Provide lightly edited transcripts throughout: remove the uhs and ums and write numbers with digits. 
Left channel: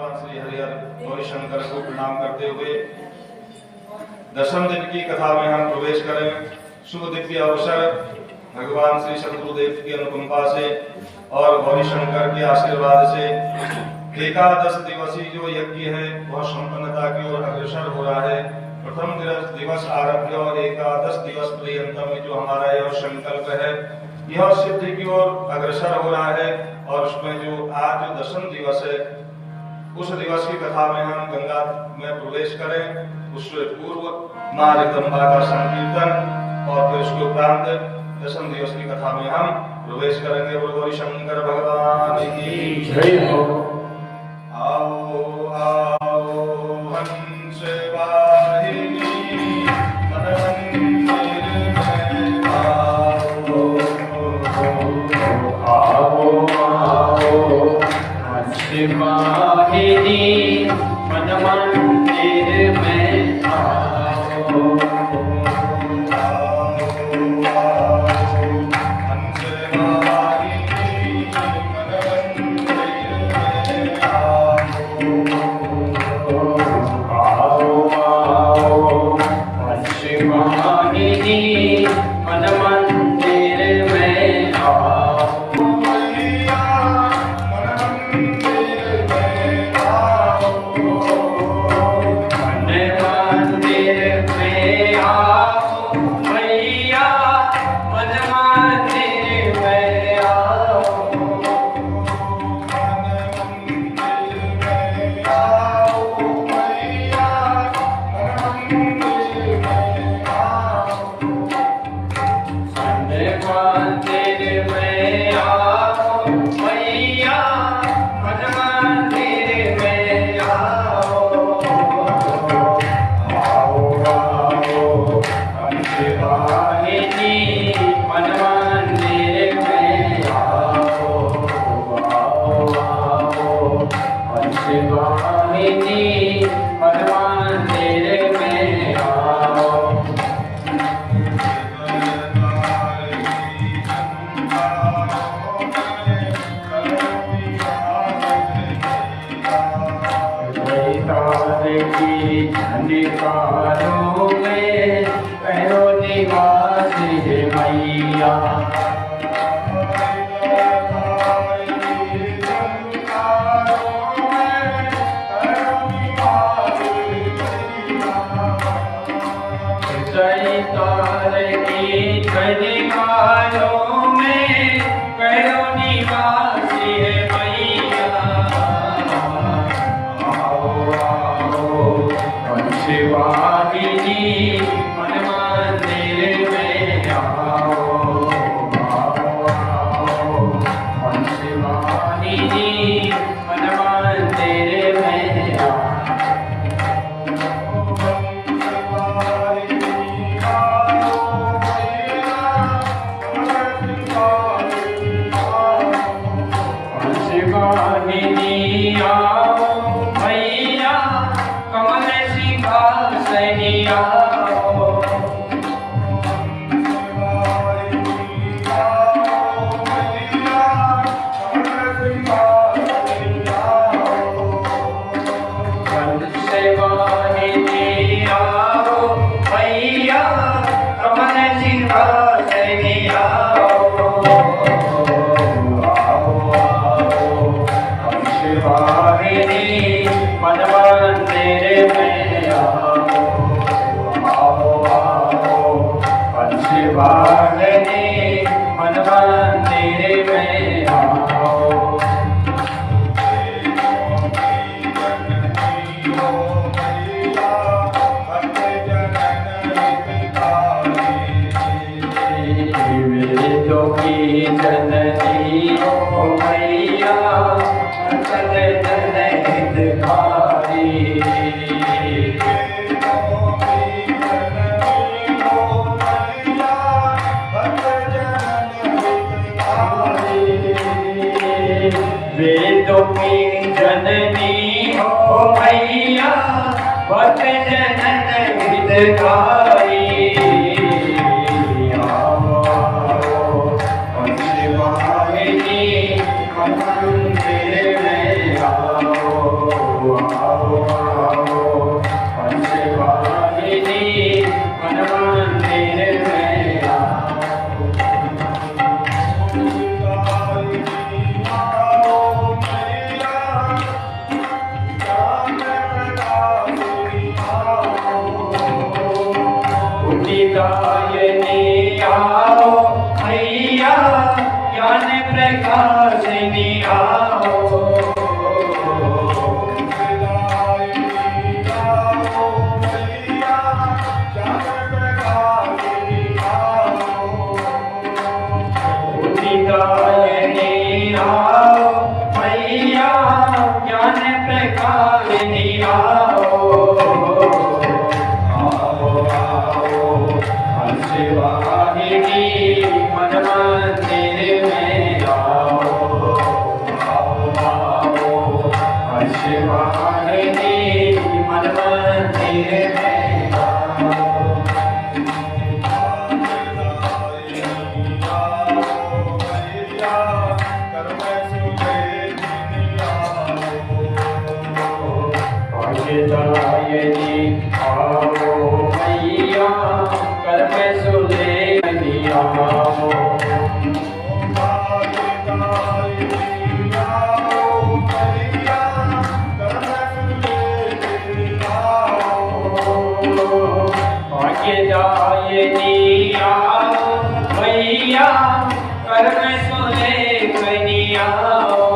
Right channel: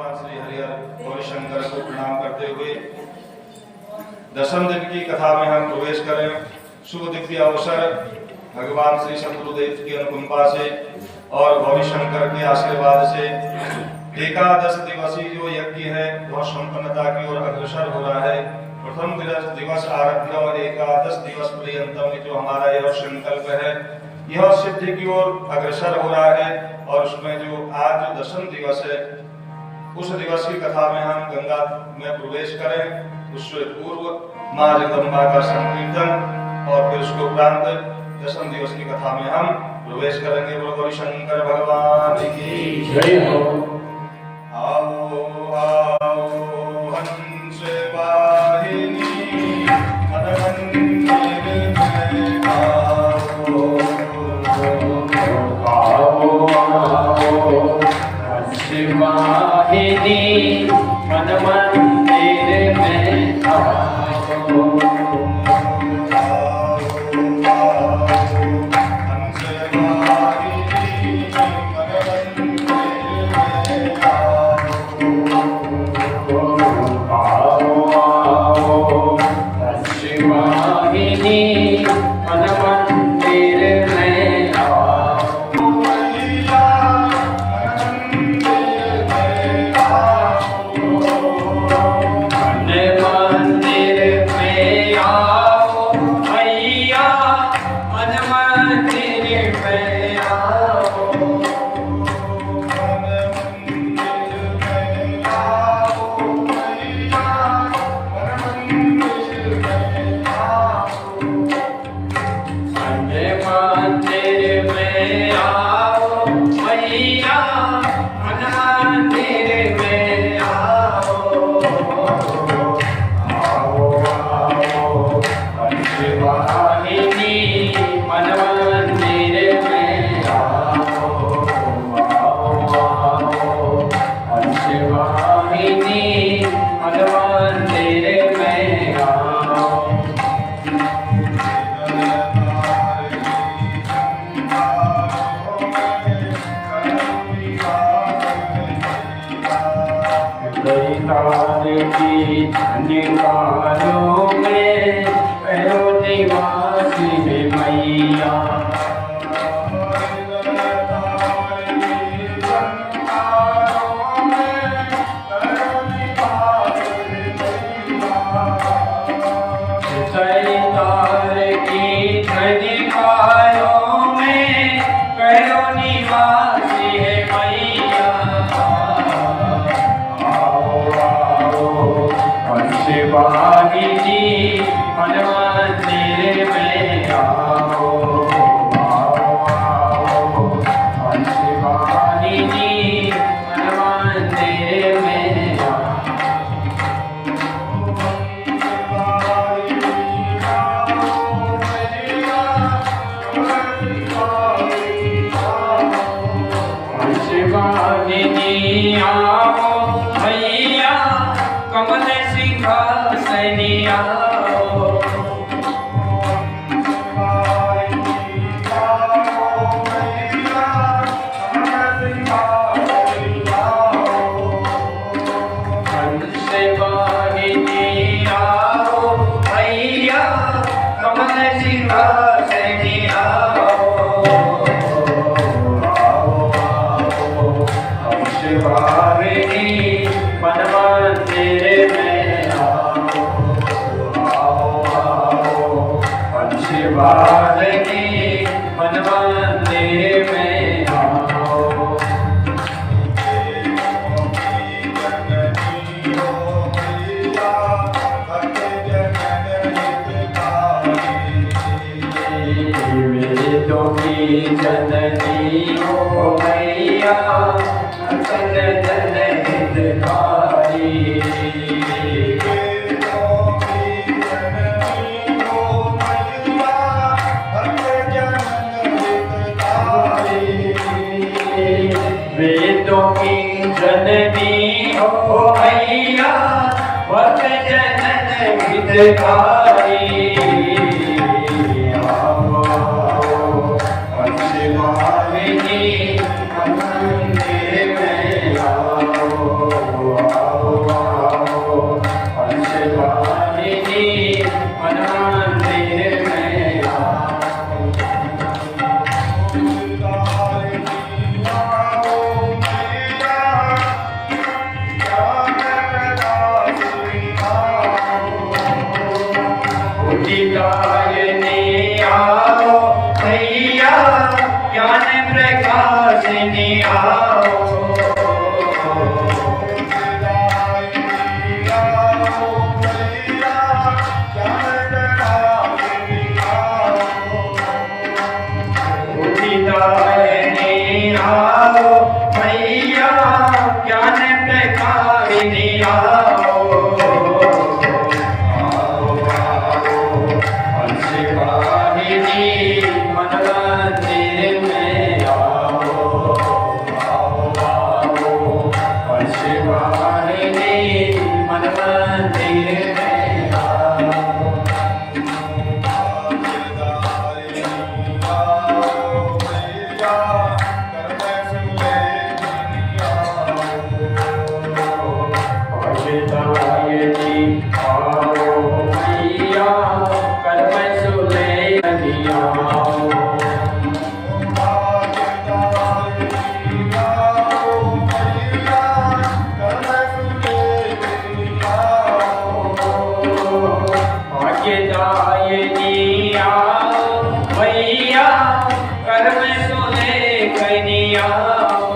भगवान श्री हरिहर गौरी शंकर को प्रणाम करते हुए दशम दिन की कथा में हम प्रवेश करें। शुभ दिव्य अवसर भगवान श्री शत्रुदेव की अनुकंपा से और गौरी शंकर के आशीर्वाद से एकादश दिवसीय जो यज्ञ है वह संपन्नता की ओर अग्रसर हो रहा है। प्रथम दिवस आरभ्य और एकादश दिवस पर्यंत में जो हमारा यह संकल्प है यह सिद्धि की ओर अग्रसर हो रहा है। और उसमें जो आज जो दशम दिवस है उस दिवस की कथा में हम गंगा में प्रवेश करें। उससे पूर्व मां जगदम्बा का संकीर्तन और फिर उसके उपरांत दशम दिवस की कथा में हम प्रवेश करेंगे। गौरी शंकर भगवान की जय हो। आओ आओ हंस वाहिनी मनमंदिर में आओ आओ आओ हंस वाहिनी मनमंदिर में आओ। Shiva, प्रकाशिनी आओ, उदितायिनी आओ मैया ज्ञान प्रकाशिनी आओ, आओ आओ हंसवाहिनी मन मंदिर में आओ, आओ आओ हंसवाहिनी मन मंदिर में आओ। आयेगी आओ मैया कर में सुलेनी आओ, आगे जाएगी आओ मैया कर में सुलेनी आओ,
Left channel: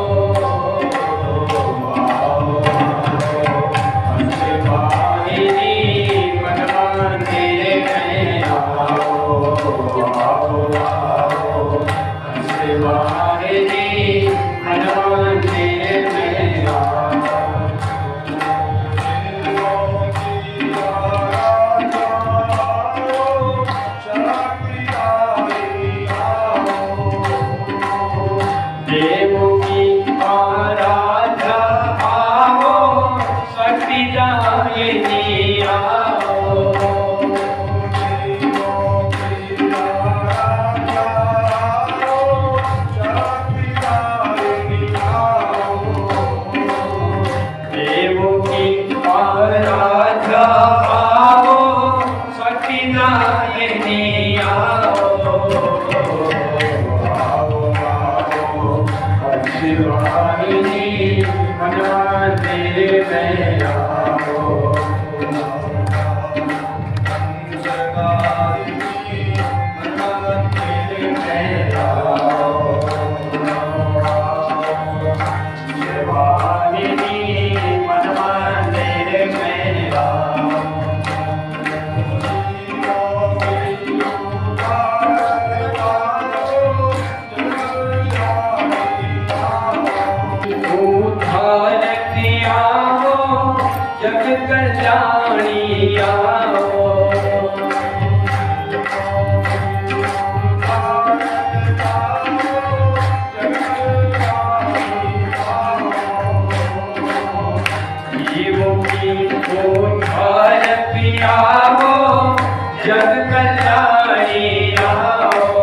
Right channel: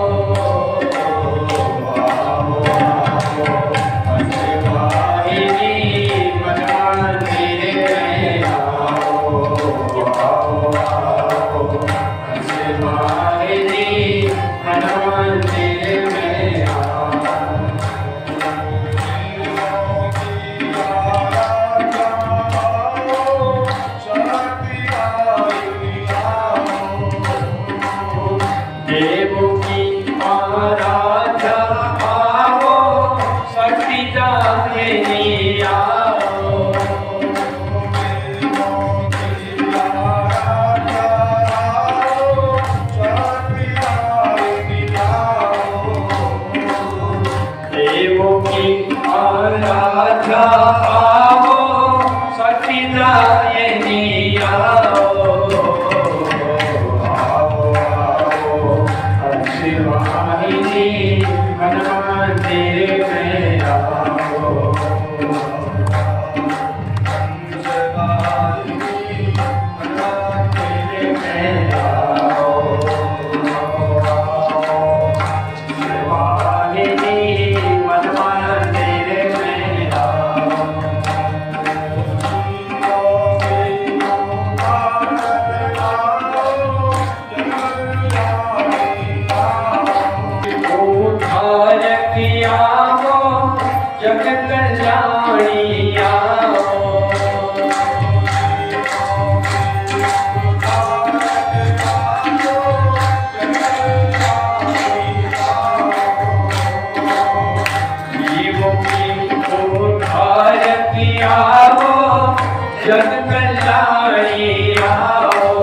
देवों की आराध्या आओ सतीदायिनी आओ, देवों की आराध्या आओ सतीदायिनी आओ, देवों की आराध्या आओ सतीदायिनी आओ, शिवाहिनी मन मंदिर में आओ, मंदिर में आओ, शिवाहिनी मन मंदिर में आओ, जग कल्याणी आओ, जीवों की उद्धारकी आओ जग कल्याणी आओ,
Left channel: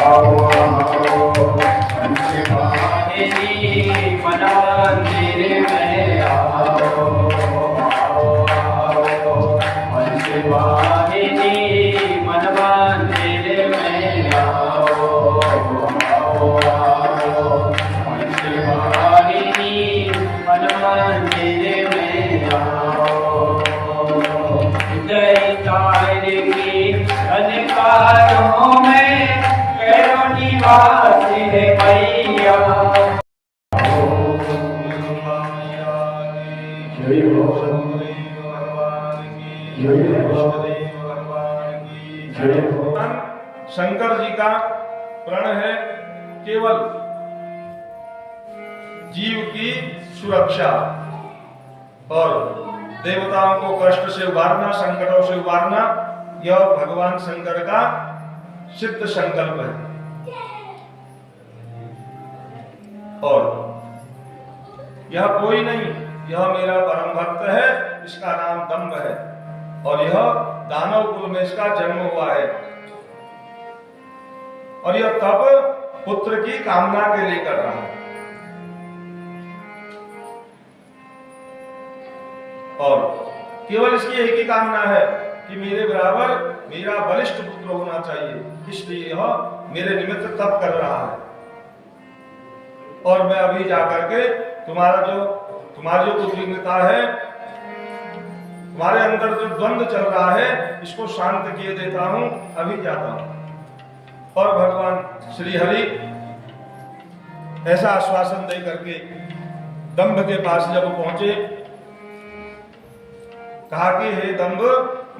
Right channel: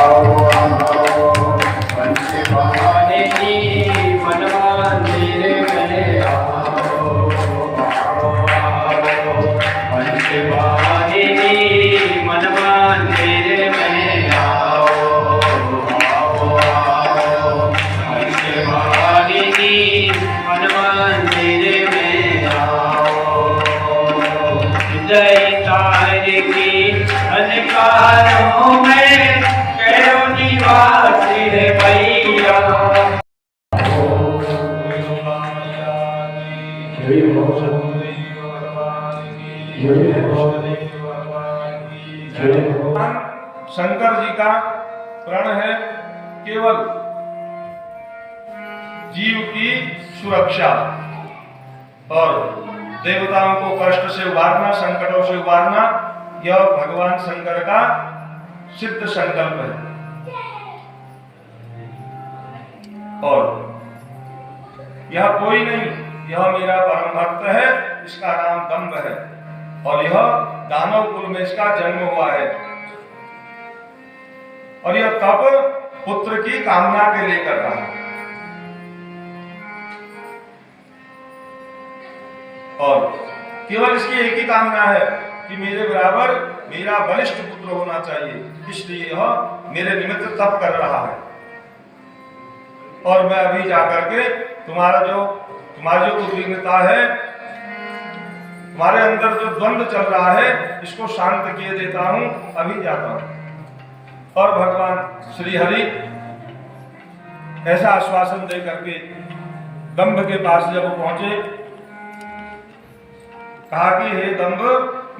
आओ आओ हंसवाहिनी मन मंदिर में आओ, आओ आओ हंसवाहिनी मन मंदिर में आओ, आओ आओ हंसवाहिनी मन मंदिर में आओ, जय तार की अधिकारों में करो निवास है मैया, शंकर जी का प्रण है केवल जीव की सुरक्षा और देवताओं को कष्ट से उबारना, संकटों से उबारना, यह भगवान शंकर का सिद्ध संकल्प है। और यह कोई नहीं, यह मेरा परम भक्त है, इसका नाम दंभ है और यह दानव कुल में इसका जन्म हुआ है और यह तप पुत्र की कामना के लिए कर रहा है। और केवल इसकी एक ही कामना है कि मेरे बराबर मेरा बलिष्ठ पुत्र होना चाहिए, इसलिए यह मेरे निमित्त तप कर रहा है। और मैं अभी जाकर के तुम्हारी जो उद्विग्नता है, तुम्हारे अंदर जो द्वंद्व चल रहा है, इसको शांत किए देता हूं। अभी जाता हूं। और भगवान श्री हरि ऐसा आश्वासन दे करके दंभ के पास जब पहुंचे, कहा कि हे दंभ,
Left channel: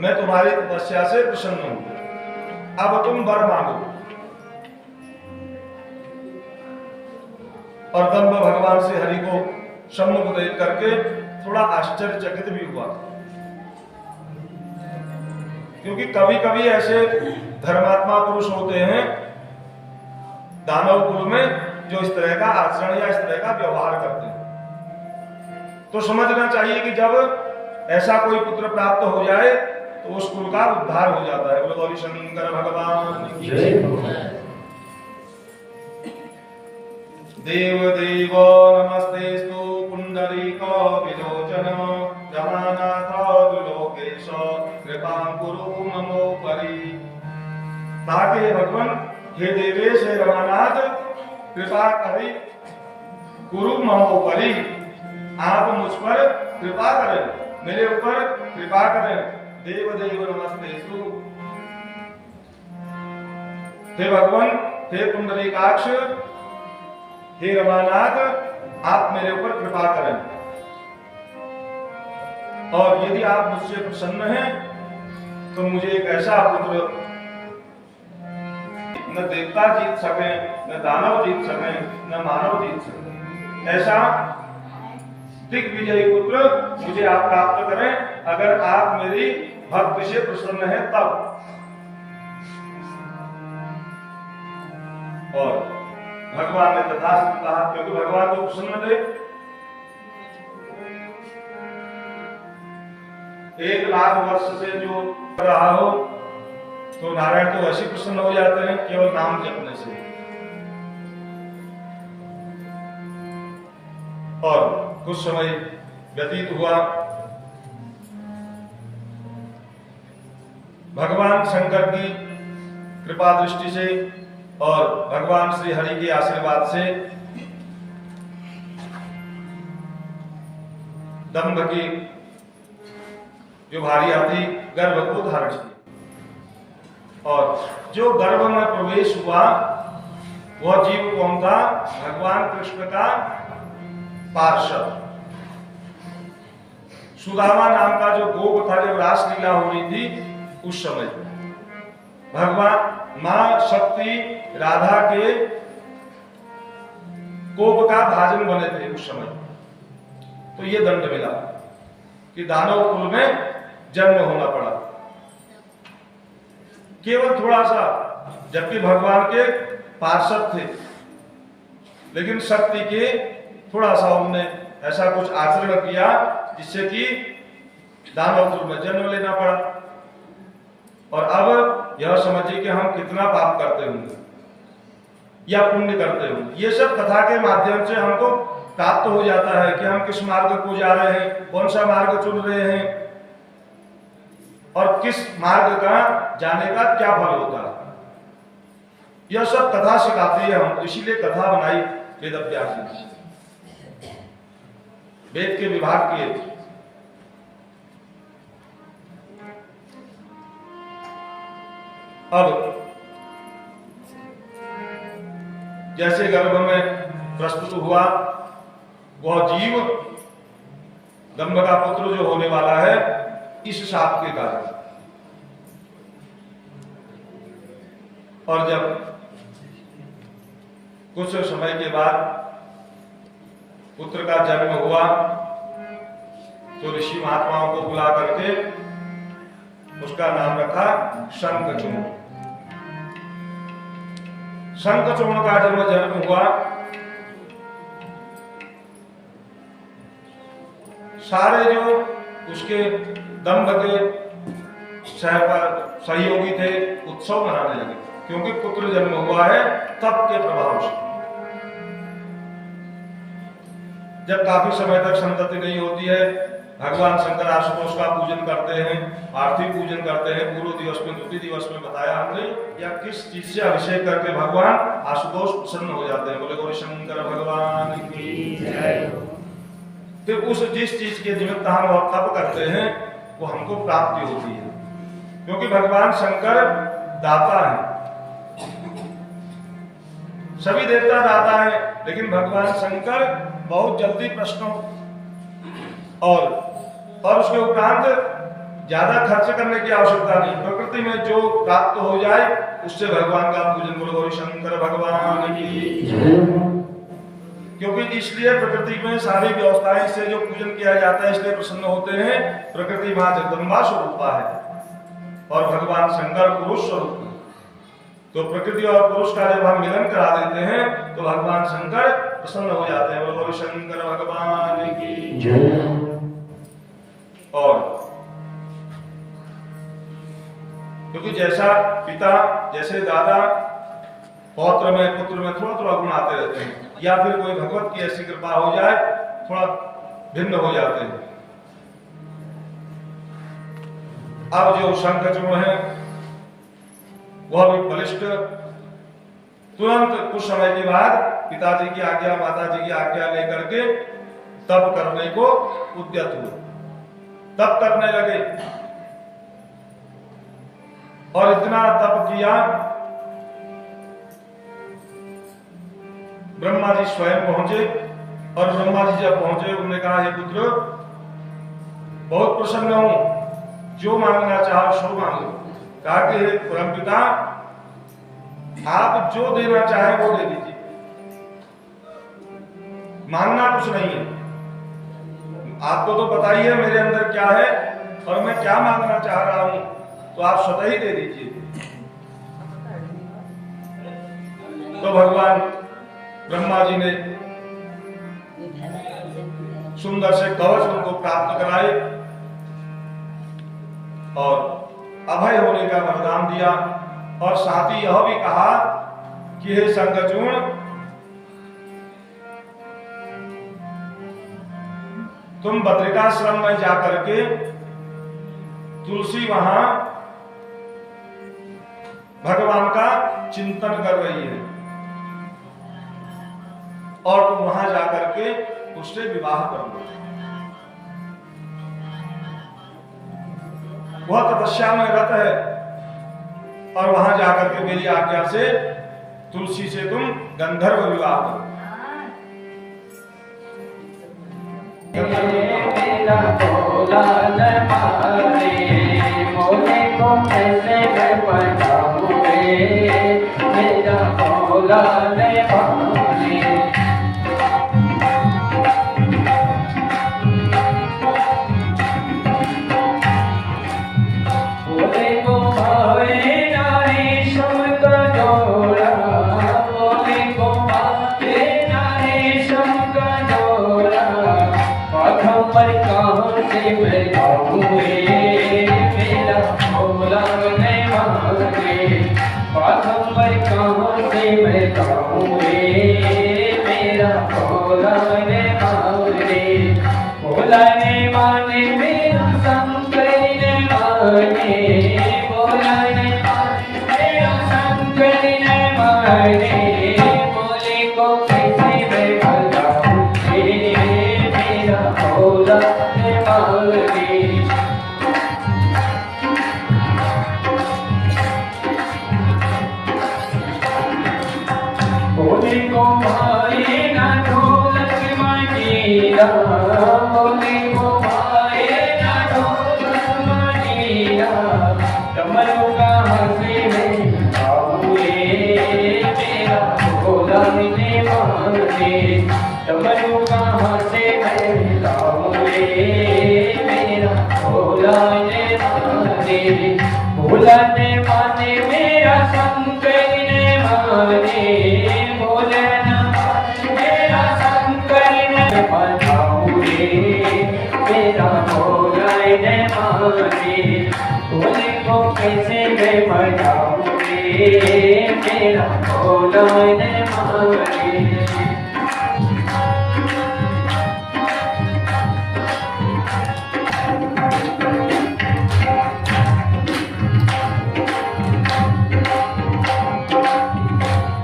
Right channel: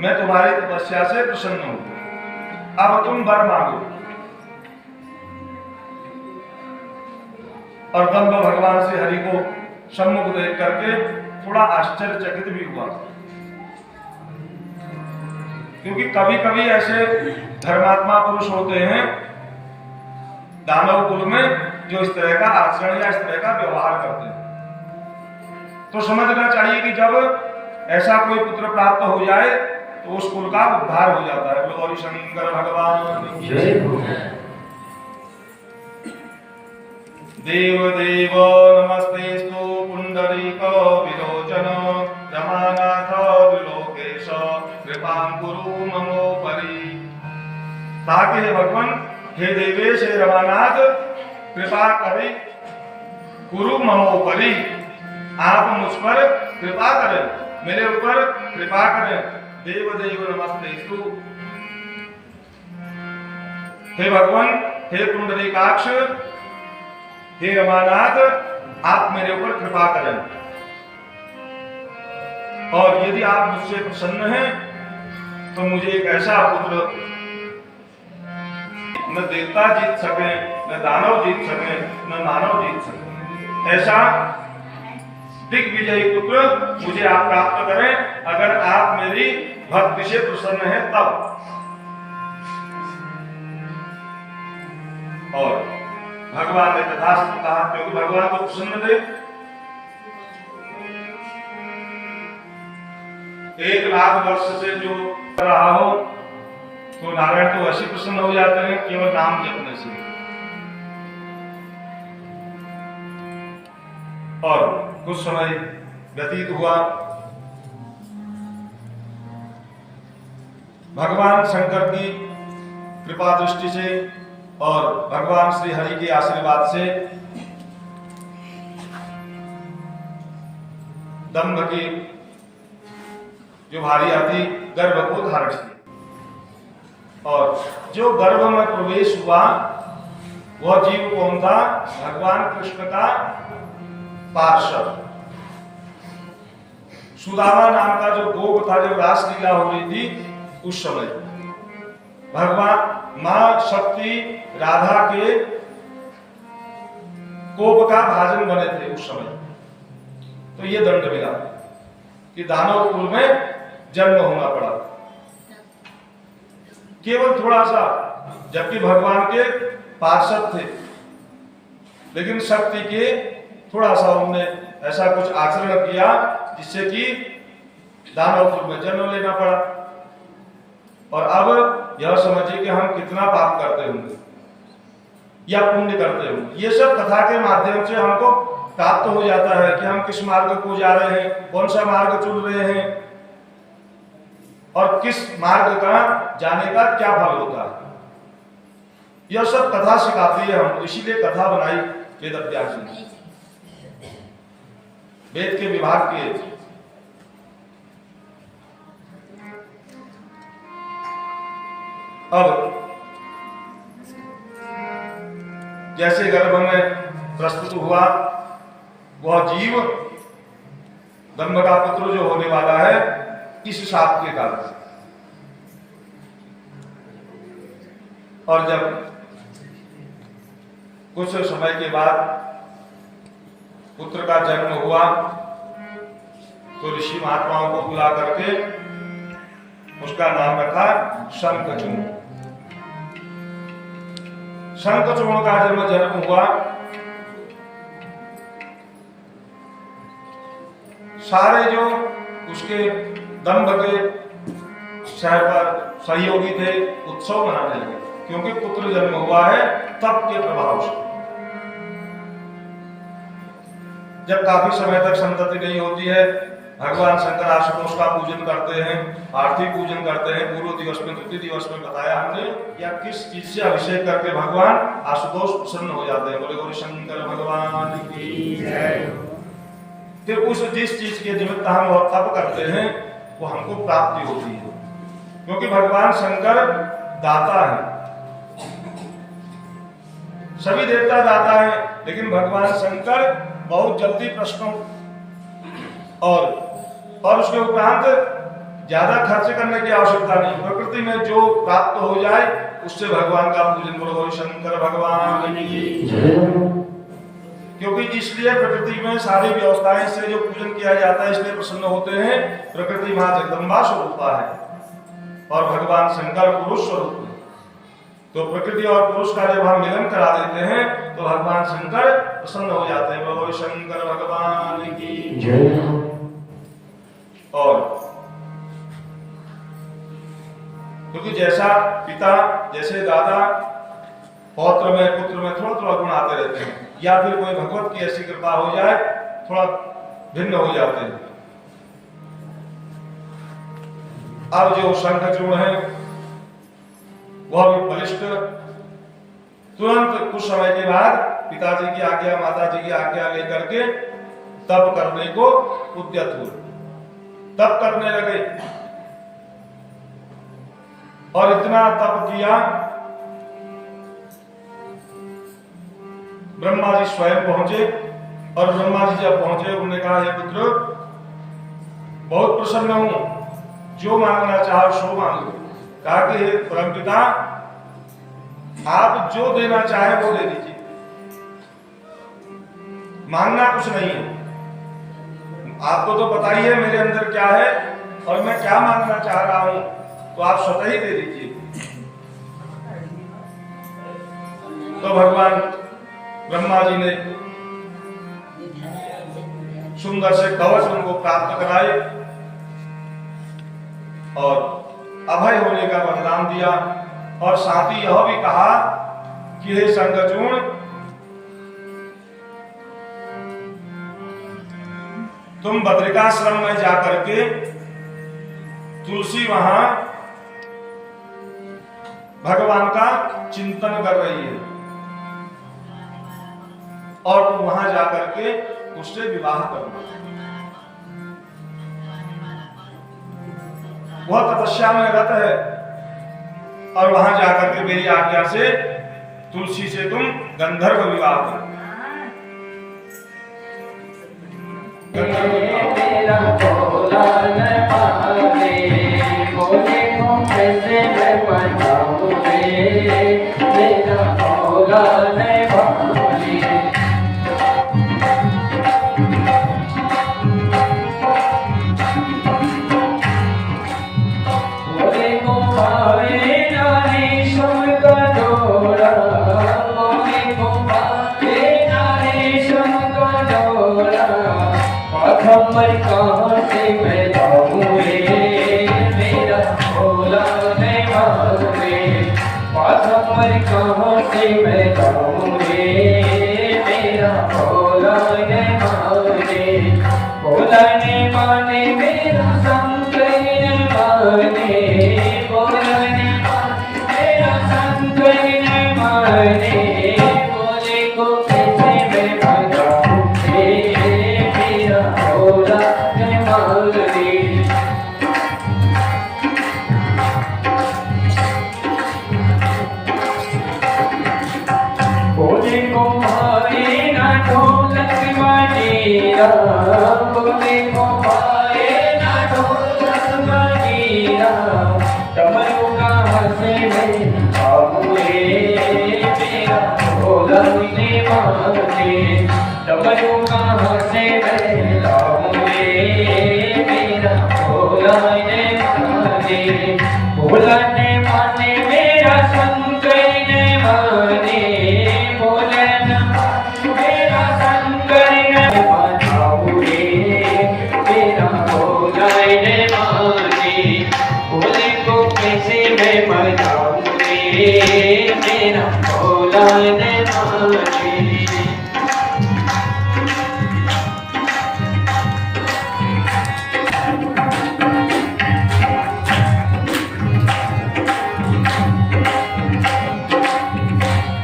मैं तुम्हारी तपस्या से प्रसन्न हूं, अब तुम वर मांगो। और दंभ भगवान श्री हरि को सम्मुख देख करके थोड़ा आश्चर्यचकित भी हुआ, क्योंकि कभी कभी ऐसे धर्मात्मा पुरुष होते हैं दानव कुल में जो इस तरह का आचरण या इस तरह का व्यवहार करते हैं। तो समझना चाहिए कि जब ऐसा कोई पुत्र प्राप्त हो जाए तो उस कुल का उद्धार हो जाता है। बोलो गौरी शंकर भगवान की जय। देव देव नमस्तेस्तु पुंडरीक विलोचन रमानाथ त्रिलोकेश कृपां कुरु ममोपरि। ताकि हे भगवान, हे देवेश, हे रमानाथ, कृपा करी गुरु ममोपरि, आप मुझ पर कृपा करें, मेरे ऊपर कृपा करें। देव देव नमस्तेस्तु, हे भगवान, हे पुंडरीकाक्ष, हे रमानाथ, आप मेरे ऊपर कृपा करें। और यदि आप मुझसे प्रसन्न हैं तो मुझे एक ऐसा पुत्र न देवता जीत सके, न दानव जीत सके, न मानव जीत सके, ऐसा दिग्विजयी पुत्र मुझे आप प्राप्त करें, अगर आप मेरी भक्ति से प्रसन्न हैं तब। और भगवान ने तथास्तु कहा, क्योंकि भगवान को प्रसन्न थे। 1,00,000 वर्ष से जो रहा हो तो नारायण तो ऐसे प्रसन्न हो जाते हैं केवल नाम जपने से। और कुछ समय व्यतीत हुआ, भगवान शंकर की कृपा दृष्टि से और भगवान श्री हरि के आशीर्वाद से दंभ की जो भार्या थी गर्भ को धारण किया, और जो गर्भ में प्रवेश हुआ वह जीव कौन था? भगवान कृष्ण का पार्षद सुदामा नाम का जो गोप था, जब रासलीला हो रही थी उस समय भगवान मां शक्ति राधा के कोप का भाजन बने थे उस समय। तो ये दंड मिला कि दानव कुल में जन्म होना पड़ा, केवल थोड़ा सा, जबकि भगवान के पार्षद थे, लेकिन शक्ति के थोड़ा सा उनने ऐसा कुछ आचरण किया जिससे कि दानव कुल में जन्म लेना पड़ा। और अब यह समझिए कि हम कितना पाप करते होंगे या पुण्य करते होंगे। ये सब कथा के माध्यम से हमको प्राप्त हो जाता है कि हम किस मार्ग को जा रहे हैं, कौन सा मार्ग चुन रहे हैं और किस मार्ग का जाने का क्या फल होता है। यह सब कथा सिखाती है हम, इसीलिए कथा बनाई वेद व्यास जी, वेद के विभाग किए। अब जैसे गर्भ में प्रस्तुत हुआ वह जीव दंभ का पुत्र जो होने वाला है इस शाप के कारण, और जब कुछ समय के बाद पुत्र का जन्म हुआ तो ऋषि महात्माओं को बुला करके उसका नाम रखा शंखचूर्ण। शंखचूर्ण का जब जन्म हुआ, सारे जो उसके दंभ के शहर पर सहयोगी थे उत्सव मनाने लगे, क्योंकि पुत्र जन्म हुआ है तप के प्रभाव से। जब काफी समय तक संतति नहीं होती है, भगवान शंकर आशुतोष का पूजन करते हैं, आरती पूजन करते हैं। पूर्व दिवस में, द्वितीय दिवस में बताया हमने, या किस चीज से अभिषेक करके भगवान आशुतोष प्रसन्न हो जाते हैं। बोले गौरी शंकर भगवान की जय। फिर उस जिस चीज के निमित्त हम तप करते हैं वो हमको प्राप्ति होती है, क्योंकि भगवान शंकर दाता है। सभी देवता दाता है, लेकिन भगवान शंकर बहुत जल्दी प्रश्नों और उसके उपरांत ज्यादा खर्च करने की आवश्यकता नहीं। प्रकृति में जो प्राप्त हो जाए उससे भगवान का पूजन करो। शंकर भगवान की, क्योंकि इसलिए प्रकृति में सारी व्यवस्थाएं से जो पूजन किया जाता है इसलिए प्रसन्न होते हैं। प्रकृति मां जगदम्बा स्वरूपा है और भगवान शंकर पुरुष स्वरूप है। तो प्रकृति और पुरुष का जब हम मिलन करा देते हैं तो भगवान शंकर प्रसन्न हो जाते हैं। बोलो शंकर भगवान की। और क्योंकि जैसा पिता जैसे दादा पौत्र में पुत्र में थोड़ा थोड़ा गुण आते रहते हैं, या फिर कोई भगवत की ऐसी कृपा हो जाए थोड़ा भिन्न हो जाते हैं। अब जो शंखचूड़ है वह भी बलिष्ठ, तुरंत कुछ समय के बाद पिताजी की आज्ञा माता जी की आज्ञा लेकर के तप करने को उद्यत हुए, तप करने लगे और इतना तप किया ब्रह्मा जी स्वयं पहुंचे। और ब्रह्मा जी जब पहुंचे उन्होंने कहा, हे पुत्र बहुत प्रसन्न हूं, जो मांगना चाहो सो मांगो। कहा कि हे परमपिता आप जो देना चाहे वो दे दीजिए, मांगना कुछ नहीं है। आपको तो पता ही है मेरे अंदर क्या है और मैं क्या मांगना चाह रहा हूं, तो आप स्वतः ही दे दीजिए। तो भगवान ब्रह्मा जी ने सुंदर से कवच उनको प्राप्त कराए और अभय होने का वरदान दिया। और साथ ही यह भी कहा कि हे शंखचूड़ तुम बद्रिकाश्रम में जाकर के तुलसी वहां भगवान का चिंतन कर रही है और तुम वहां जाकर के उससे विवाह कर लो। वह तपस्या में रत है और वहां जाकर के मेरी आज्ञा से तुलसी से तुम गंधर्व विवाह करो। मेरा भोला न माने, मोरे को कैसे मैं बनाऊं रे, मेरा भोला न माने। मोरे को भावे नारी सुम का डोरा, मोरे को भावे नारी सुम का डोरा, पर कहाँ से मैं जाऊँ मेरा भोला नहीं माने, पर कहाँ से मैं जाऊँ मेरा भोला नहीं माने। भोला नहीं माने मेरा शंकर नहीं माने, भोला नहीं माने मेरा शंकर नहीं माने। भोले को कैसे मैं भगाऊँ मेरा भोला नहीं माने। भोले को भाए ना ढोलक मंजीरा, भोले को भाए ना ढोलक मंजीरा, डमरू कहाँ से मैं लाऊं मेरा भोला नहीं माने। डमरू कहाँ से मैं लाऊं मेरा भोला नहीं माने। भोला नहीं माने मेरा शंकर नहीं माने, भोला नहीं माने मेरा शंकर नहीं माने। मेरा भोला नहीं माने, भोले को कैसे मैं मनाऊं मेरा भोला नहीं माने।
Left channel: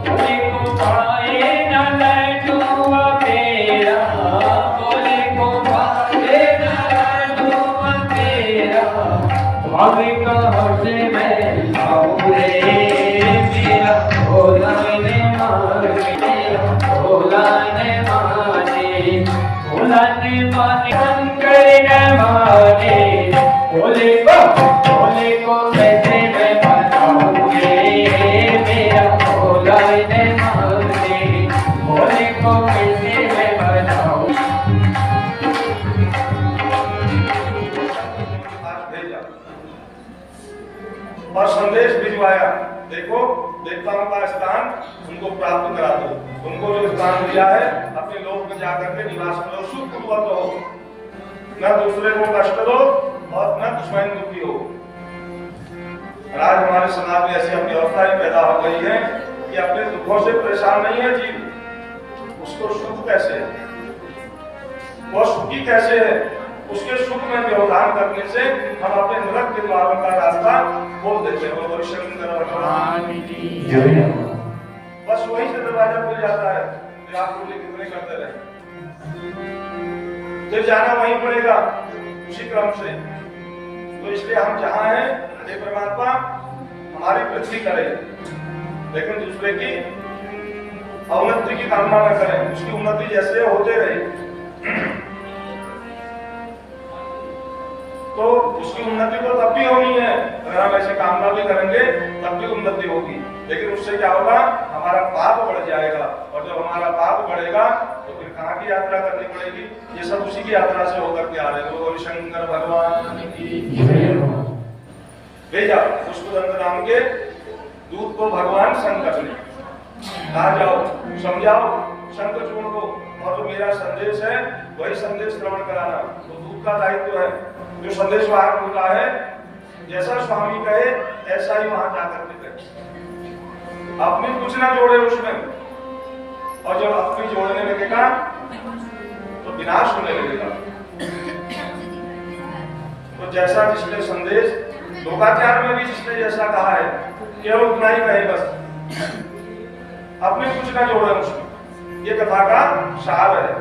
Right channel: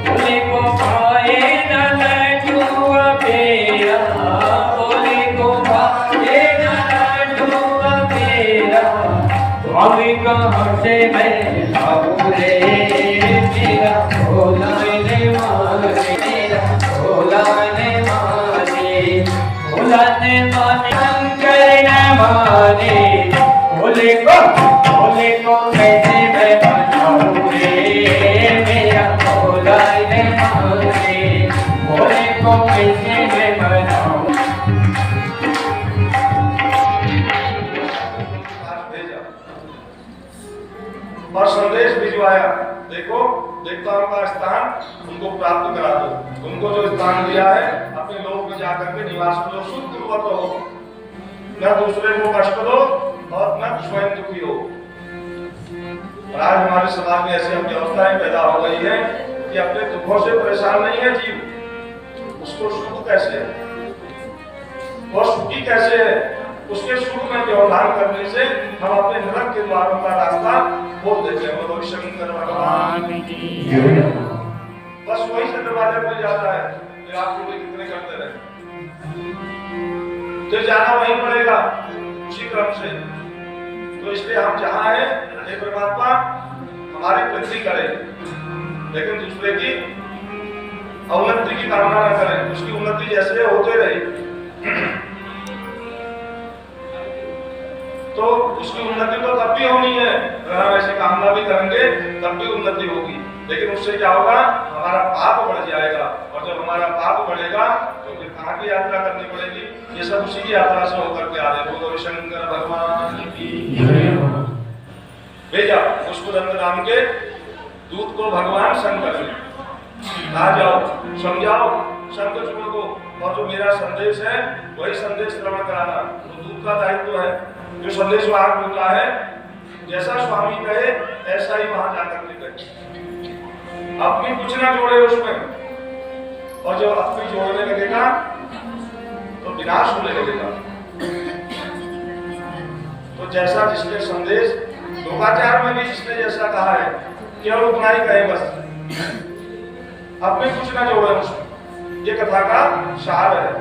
भोले को भाए ना लड्डू पेड़ा, भोले को भाए ना लड्डू पेड़ा, भाभी कहाँ से मैं लाऊं रे मेरा भोला नहीं माने। देवताओं का स्थान उनको प्राप्त करा दो। उनको जो स्थान दिया है अपने लोक में जाकर के निवास करो, सुख पूर्वक रहो, न दूसरे को कष्ट दो और न स्वयं दुखी हो। और आज हमारे समाज में ऐसी व्यवस्थाएं पैदा हो गई है कि अपने दुखों से परेशान नहीं है जीव, उसको सुख कैसे है, वो सुखी कैसे है, उसके सुख में व्यवधान करने से हम अपने नरक के द्वारों का रास्ता खोल देते हैं। बोलो शंकर भगवान की। बस वही से दरवाजा खुल जाता है कि आप लोग कितने करते रहे, तो जाना वहीं पड़ेगा उसी क्रम से। तो इसलिए हम जहाँ हैं हे परमात्मा हमारी वृद्धि करें, लेकिन दूसरे की अवनति की कामना न करें, उसकी उन्नति जैसे होते रहे तो उसकी उन्नति तो तब भी होनी है। अगर हम ऐसी कामना भी करेंगे तब भी उन्नति होगी, लेकिन उससे क्या होगा, हमारा पाप बढ़ जाएगा। और जब हमारा पाप बढ़ेगा तो फिर कहाँ की यात्रा करनी पड़ेगी? ये सब उसी की यात्रा से होकर के आ रहे। बोलो शंकर भगवान की। भेजा पुष्पदंड नाम के दूत को भगवान शंकर ने, आ जाओ समझाओ शंख चूर्ण को, और जो मेरा संदेश है वही संदेश श्रवण कराना। तो दूत का दायित्व है, जो संदेश वाहक होता है जैसा स्वामी कहे ऐसा ही वहां जाकर के कहे, अपनी कुछ ना जोड़े उसमें। और जब अपनी जोड़ने लगेगा तो विनाश होने लगेगा। तो जैसा जिसने संदेश लोकाचार में भी जिसने जैसा कहा है केवल उतना ही कहे, बस अपने कुछ ना जोड़े उसमें। ये कथा का सार है,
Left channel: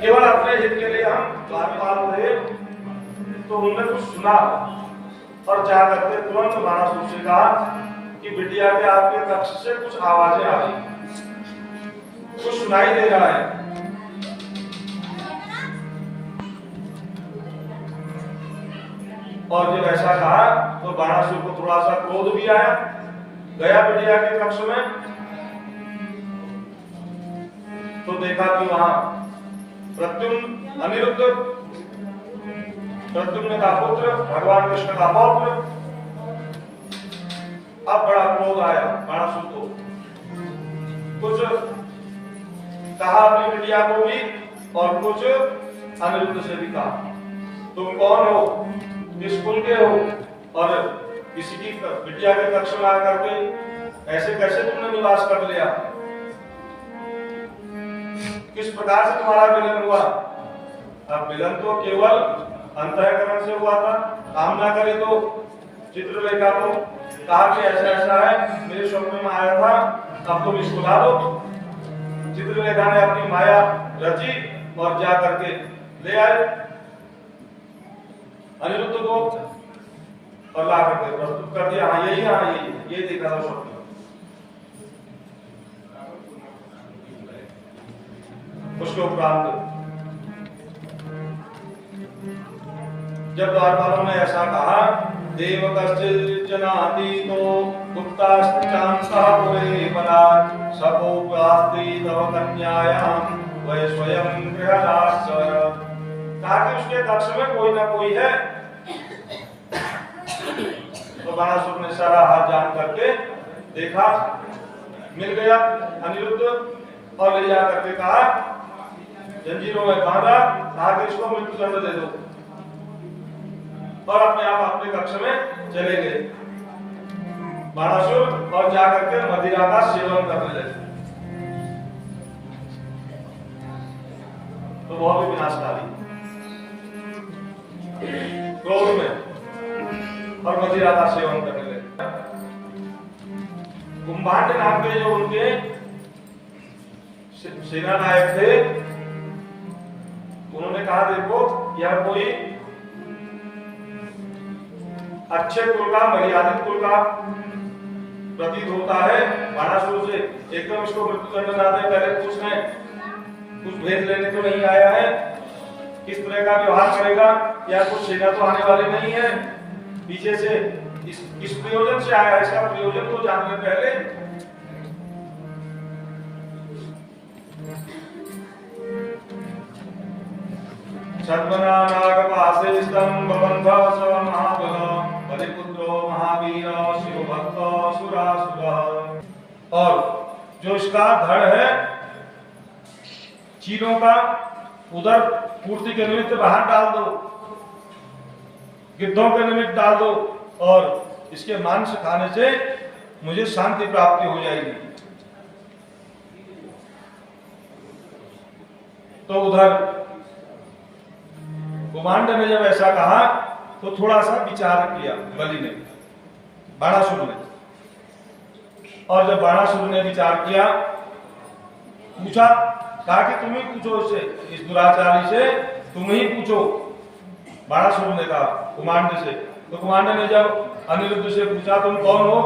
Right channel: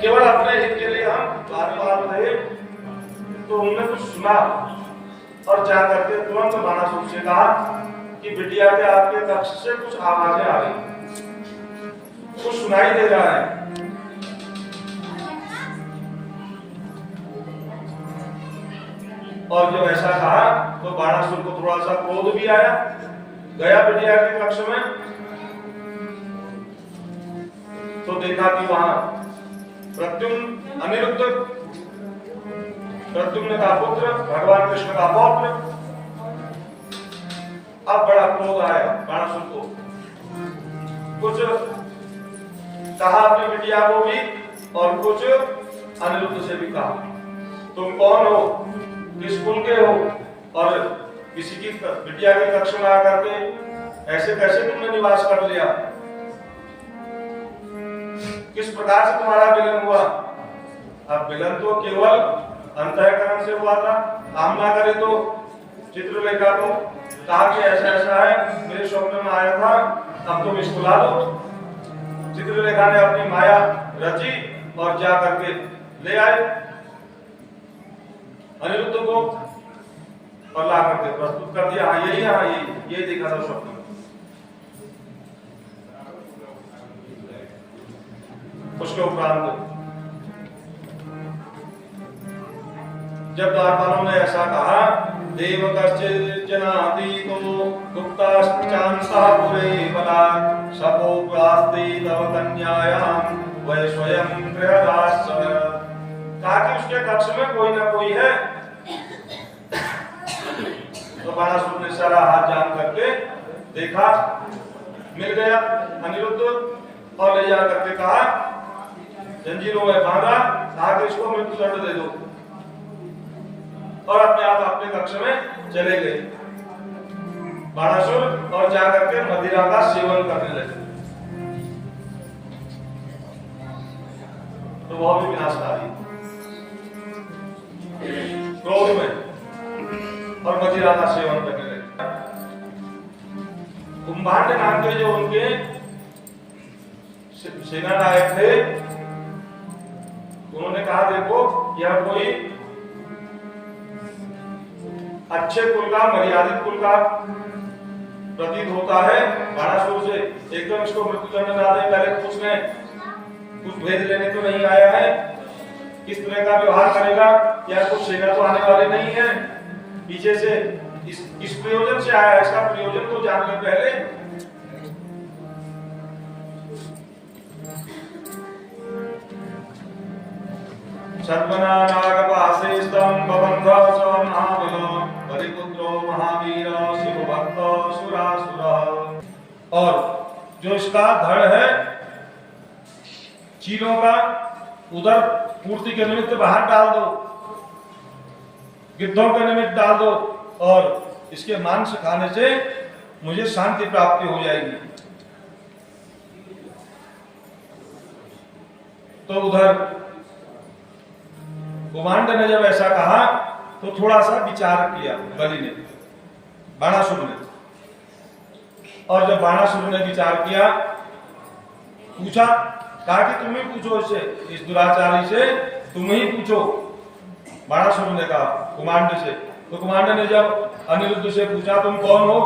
केवल अपने हित के लिए हम बार-बार रहे। तो उन्होंने कुछ सुना और जा करके तुरंत बाणासुर से कहा कि बिटिया के आपके कक्ष से कुछ आवाजें आ रही, कुछ सुनाई दे रहा है। और जब ऐसा कहा तो बाणासुर को थोड़ा सा क्रोध भी आया, गया बिटिया के कक्ष में तो देखा कि वहां प्रद्युम्न अनिरुद्ध, प्रद्युम्न का पुत्र, भगवान कृष्ण का पौत्र। अब बड़ा क्रोध आया बाणासुर को, कुछ कहा अपनी बिटिया को भी और कुछ अनिरुद्ध से भी कहा, तुम कौन हो, किस कुल के हो, और किसी की बिटिया के कक्ष में आकर के ऐसे कैसे तुमने निवास कर लिया, किस प्रकार से तुम्हारा मिलन हुआ। अब मिलन तो केवल अंतःकरण से हुआ था, कामना करे तो चित्रलेखा को कहा कि ऐसा ऐसा है, मेरे स्वप्न में आया था, अब तुम इसको ला दो। चित्रलेखा ने अपनी माया रची और जा करके ले आए अनिरुद्ध को और ला करके प्रस्तुत कर दिया। हाँ यही, हाँ ये देखा था स्वप्न। उसके उपरांत जब द्वारपालों ने ऐसा कहा, देव कश्चित् जनाति तो गुप्ताश्चांसः पुरे बलात् सपोप्रास्ति तव कन्यायां वै स्वयं गृहदाश्च। कहा कि उसके कक्ष में कोई ना कोई है। तो बाणासुर ने सारा हाथ जान करके देखा, मिल गया अनिरुद्ध और ले जा करके कहा, जंजीरों में बांधा, कहा कि इसको मृत्यु दंड दे दो, और अपने आप अपने कक्ष में चले गए बाणासुर और जा करके मदिरा का सेवन करने लगे। तो वह भी विनाशकारी क्रोध में और मदिरा का सेवन करने लगे। कुंभांड नाम के जो उनके सेना नायक थे, उन्होंने कहा देखो यह कोई अच्छे कुल का, मर्यादित कुल का प्रतीत होता है, बाणासुर से एकदम इसको मृत्युदंड ना दे। पहले पूछने कुछ भेद लेने तो नहीं आया है, किस तरह का व्यवहार करेगा, या कुछ सेना तो आने वाले नहीं है, पीछे से इस प्रयोजन से आया, इसका प्रयोजन तो जान ले पहले। छद्मना नागपासे स्तंभ बंध स महाबल हरिपुत्रो महावीर शिव भक्त सुरासुर। और जो इसका धड़ है चीलों का, उधर पूर्ति के निमित्त बाहर डाल दो, गिद्धों के निमित्त डाल दो, और इसके मांस खाने से मुझे शांति प्राप्ति हो जाएगी। तो उधर कुमांड ने जब ऐसा कहा तो थोड़ा सा विचार किया बलि ने, बाणासुर ने। और जब बाणासुर ने विचार किया, पूछा, कहा कि तुम ही पूछो इससे, इस दुराचारी से तुम ही पूछो। बाणासुर ने कहा कुमांड से। तो कुमांड ने जब अनिरुद्ध से पूछा तुम कौन हो,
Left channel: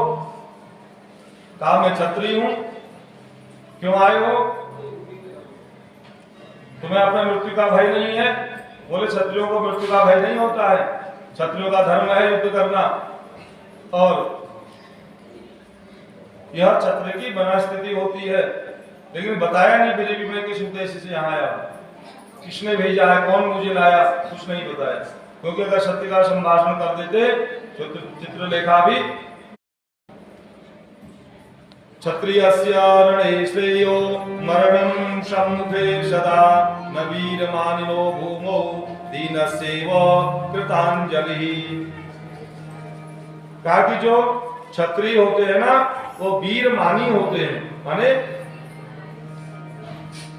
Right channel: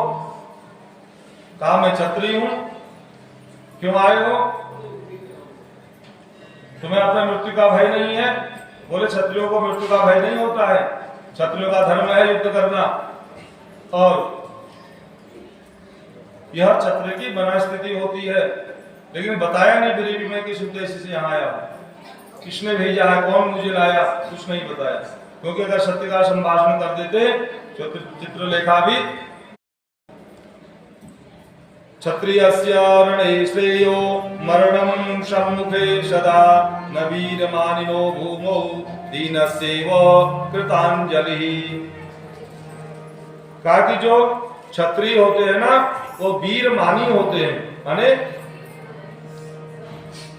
कहा मैं क्षत्रिय हूं। क्यों आए हो, तुम्हें अपना मृत्यु का भय नहीं है? बोले क्षत्रियों को मृत्यु का भय नहीं होता है, क्षत्रियों का धर्म है युद्ध करना। और यह क्षत्रिय की मनस्थिति होती है, लेकिन बताया नहीं गरीबी में किस उद्देश्य से यहाँ आया, किसने भेजा है, कौन मुझे लाया, कुछ नहीं बताया। क्योंकि अगर सत्य का संभाषण कर देते तो चित्रलेखा भी क्षत्रियस्य रणे श्रेयो मरणं सम्मुखे सदा न वीरमानिनो भूमौ दीनस्यैव कृतांजलि। कहा कि जो क्षत्रिय होते हैं ना वो वीरमानी होते हैं, माने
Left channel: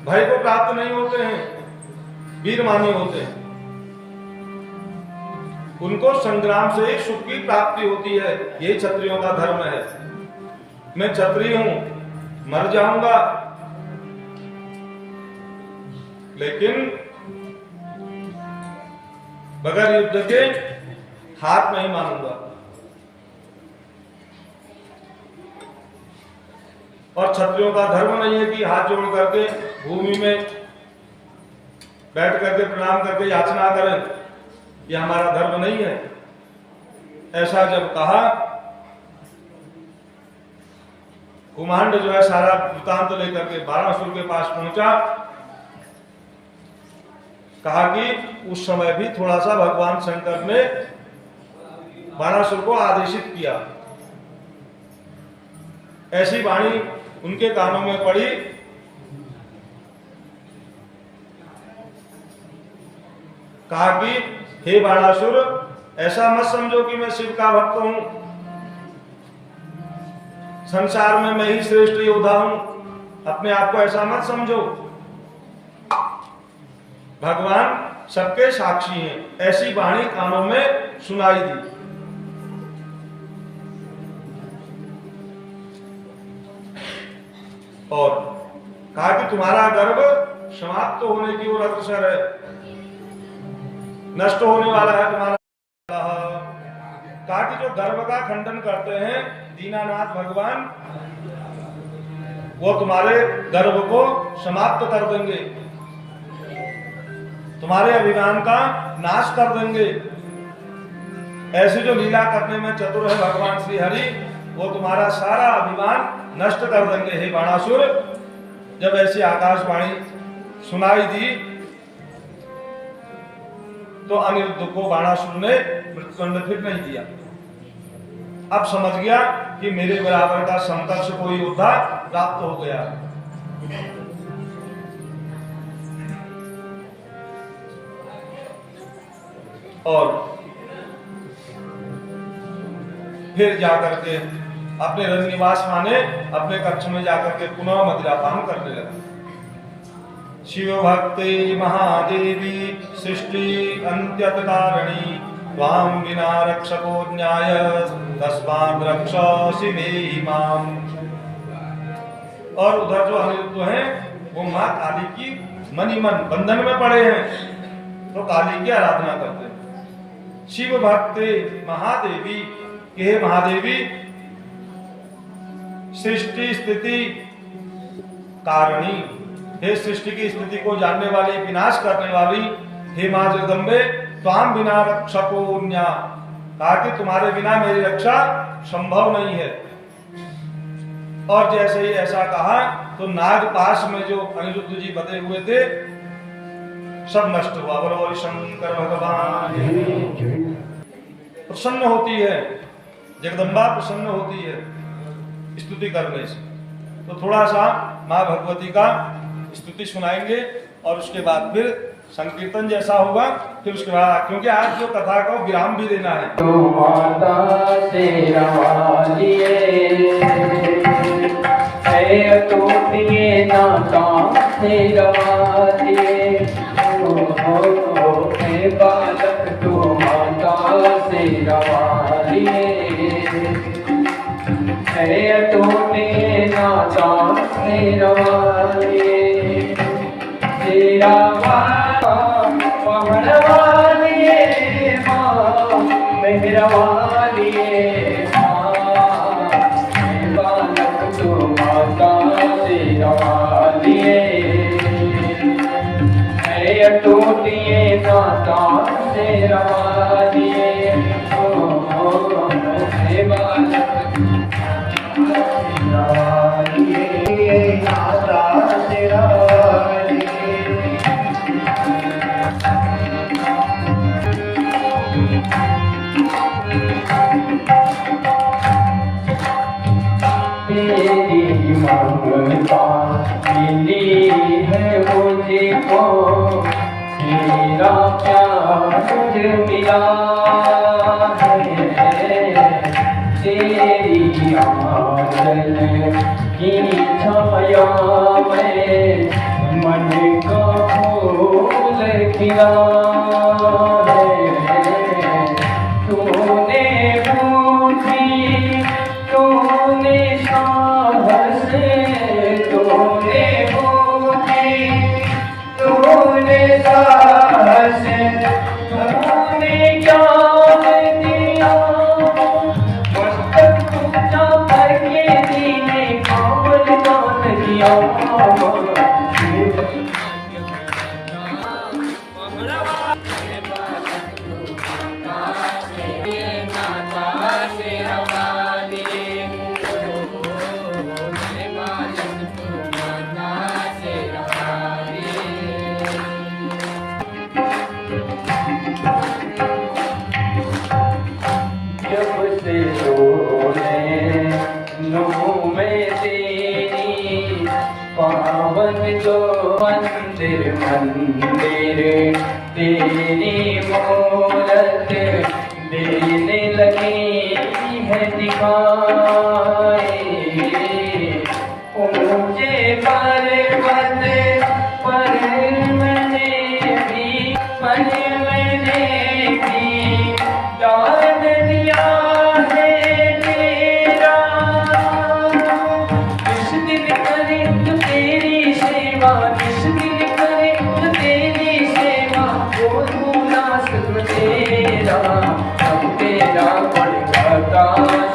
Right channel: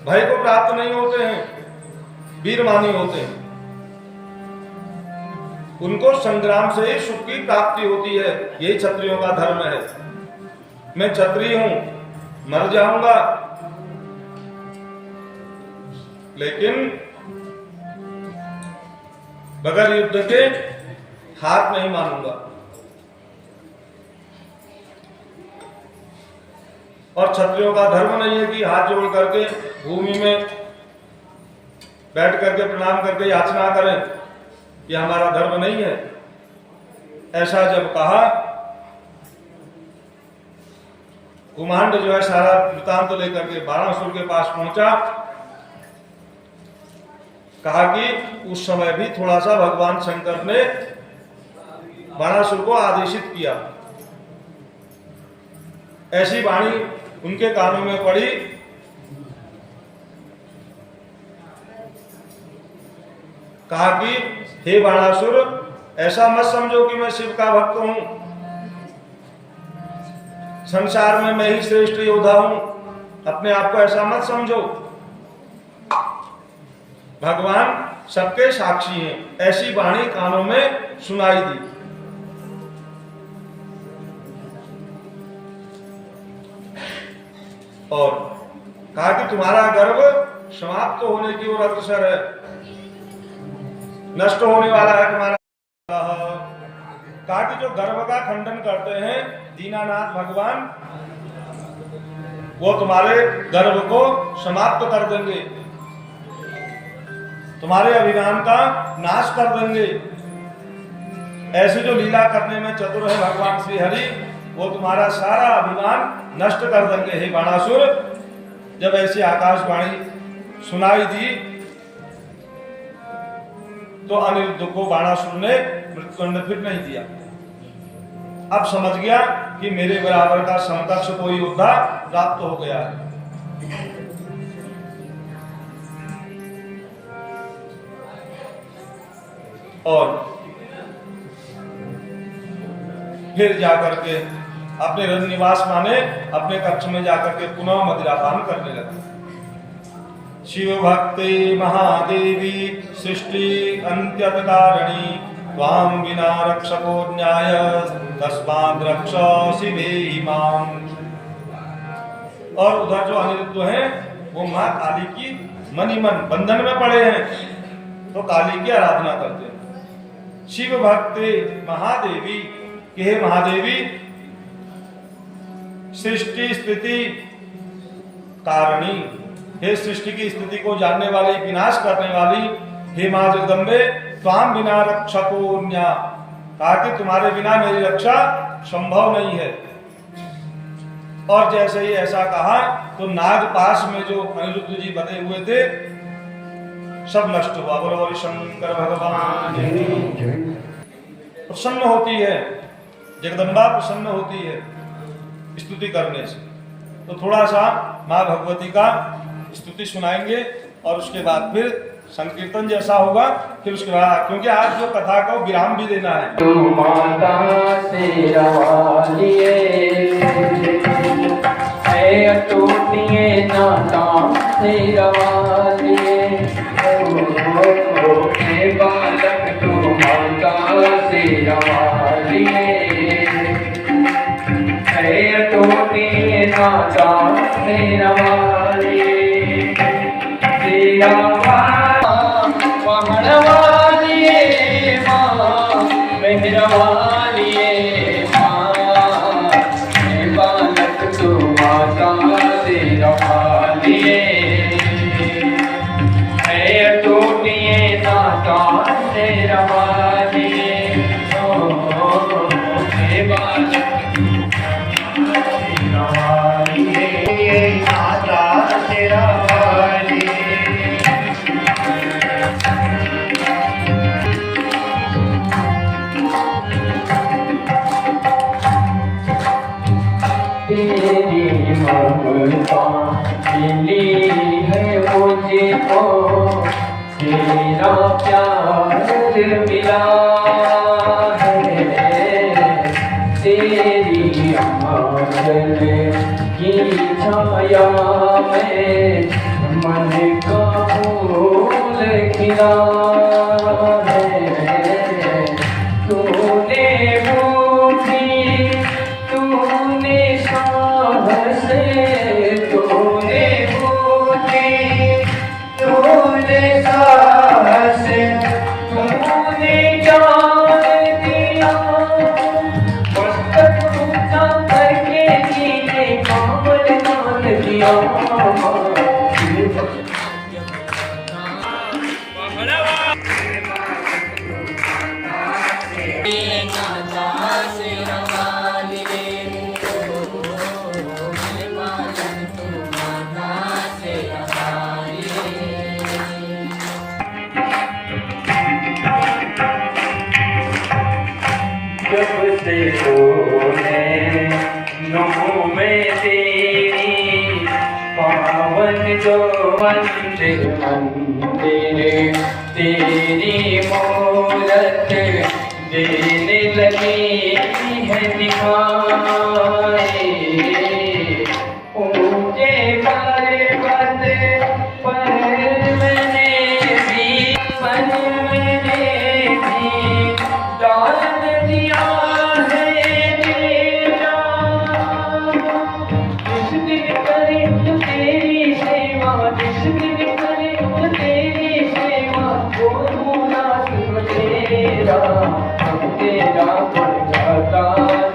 भय को प्राप्त नहीं होते हैं, वीरमानी होते हैं। उनको संग्राम से ही सुख की प्राप्ति होती है, यही क्षत्रियों का धर्म है। मैं क्षत्रिय हूं, मर जाऊंगा, लेकिन बगैर युद्ध के हाथ नहीं मानूंगा। और क्षत्रियों का धर्म नहीं है कि हाथ जोड़ करके भूमि में बैठ करके प्रणाम करके याचना करें, यह हमारा धर्म नहीं है। ऐसा जब कहा, कुमांड जो है सारा वृत्तांत तो लेकर के बाणासुर के पास पहुंचा। कहा कि उस समय भी थोड़ा सा भगवान शंकर ने बाणासुर को आदेशित किया। ऐसी वाणी उनके कानों में पड़ी, कहा कि हे बाणासुर, ऐसा मत समझो कि मैं शिव का भक्त हूं, संसार में मैं ही श्रेष्ठ योद्धा हूं, अपने आप को ऐसा मत समझो। भगवान सबके साक्षी हैं। ऐसी वाणी कानों में सुनाई दी। और कहा कि तुम्हारा गर्व समाप्त होने की ओर अग्रसर है, नष्ट होने वाला है तुम्हारा। कहा कि जो गर्व का खंडन करते हैं दीनानाथ भगवान, वो तुम्हारे गर्व को समाप्त कर देंगे, तुम्हारे अभिमान का नाश कर देंगे। ऐसे जो लीला करने में चतुर है भगवान श्री हरि, वो तुम्हारा सारा अभिमान नष्ट कर देंगे। हे बाणासुर, जब ऐसी आकाशवाणी सुनाई दी तो अनिरुद्ध को बाणासुर ने मृत्युदंड फिर नहीं दिया। अब समझ गया कि मेरे बराबर का समकक्ष कोई योद्धा प्राप्त हो गया है। और फिर जाकर के अपने रजनिवास माने अपने कक्ष में जाकर के पुनः मदिरापान करने लगा। शिव भक्ति महादेवी सृष्टि अंत्यत कारिणी, त्वां विना रक्षको न्याय तस्माद् रक्ष शिवे इमाम। और उधर जो अनिरुद्ध हैं वो माँ काली की मनिमन बंधन में पड़े हैं, तो काली की आराधना करते हैं। शिव भक्ति महादेवी, हे महादेवी, सृष्टि स्थिति कारिणी, हे सृष्टि की स्थिति को जानने वाली, विनाश करने वाली, हे मां जगदम्बे, त्वां बिना रक्षको न्या। कहा कि तुम्हारे बिना मेरी रक्षा संभव नहीं है। और जैसे ही ऐसा कहा तो नागपाश में जो अनिरुद्ध जी बंधे हुए थे सब नष्ट हुआ। बोलो शंकर भगवान। प्रसन्न होती है, जगदम्बा प्रसन्न होती है स्तुति करने से। तो थोड़ा सा माँ भगवती का स्तुति सुनाएंगे और उसके बाद फिर संकीर्तन जैसा होगा, फिर उसके बाद, क्योंकि आज जो कथा का विराम भी देना है। तो माता तेरा वालिए है टूटिए नाता तेरा वालिए हे बालक तो माता तेरा वालिए है टूटिए नाता तेरा वालिए तेरा पहड़वालिए माँ मेहरवालिए माँ हे बालक तो माता तेरा वालिए है टूटिए नाता तेरा वालिए हे बालक तेरा वालिए नाता तेरा तेरी ममता मिली है मुझको तेरा प्यार मिला है तेरी आंचल की छाया में मन का फूल खिला है तूने बूझी तूने साहस तूने बूझी तूने साहस तूने ज्ञान दिया मस्तक ऊंचा करके जीने कामल दान किया जब से तूने नौ में तेरी पावन जो मंदिर मंदिर तेरी मूरत देने लगी है दिखाई ऊंचे पर्वत पर मैंने भी दान दिया है तेरा जिस दिन करे तो तेरी सेवा जिस दिन करे तो तेरी सेवा बोलूं ना सुन तेरा अब तेरा पड़ता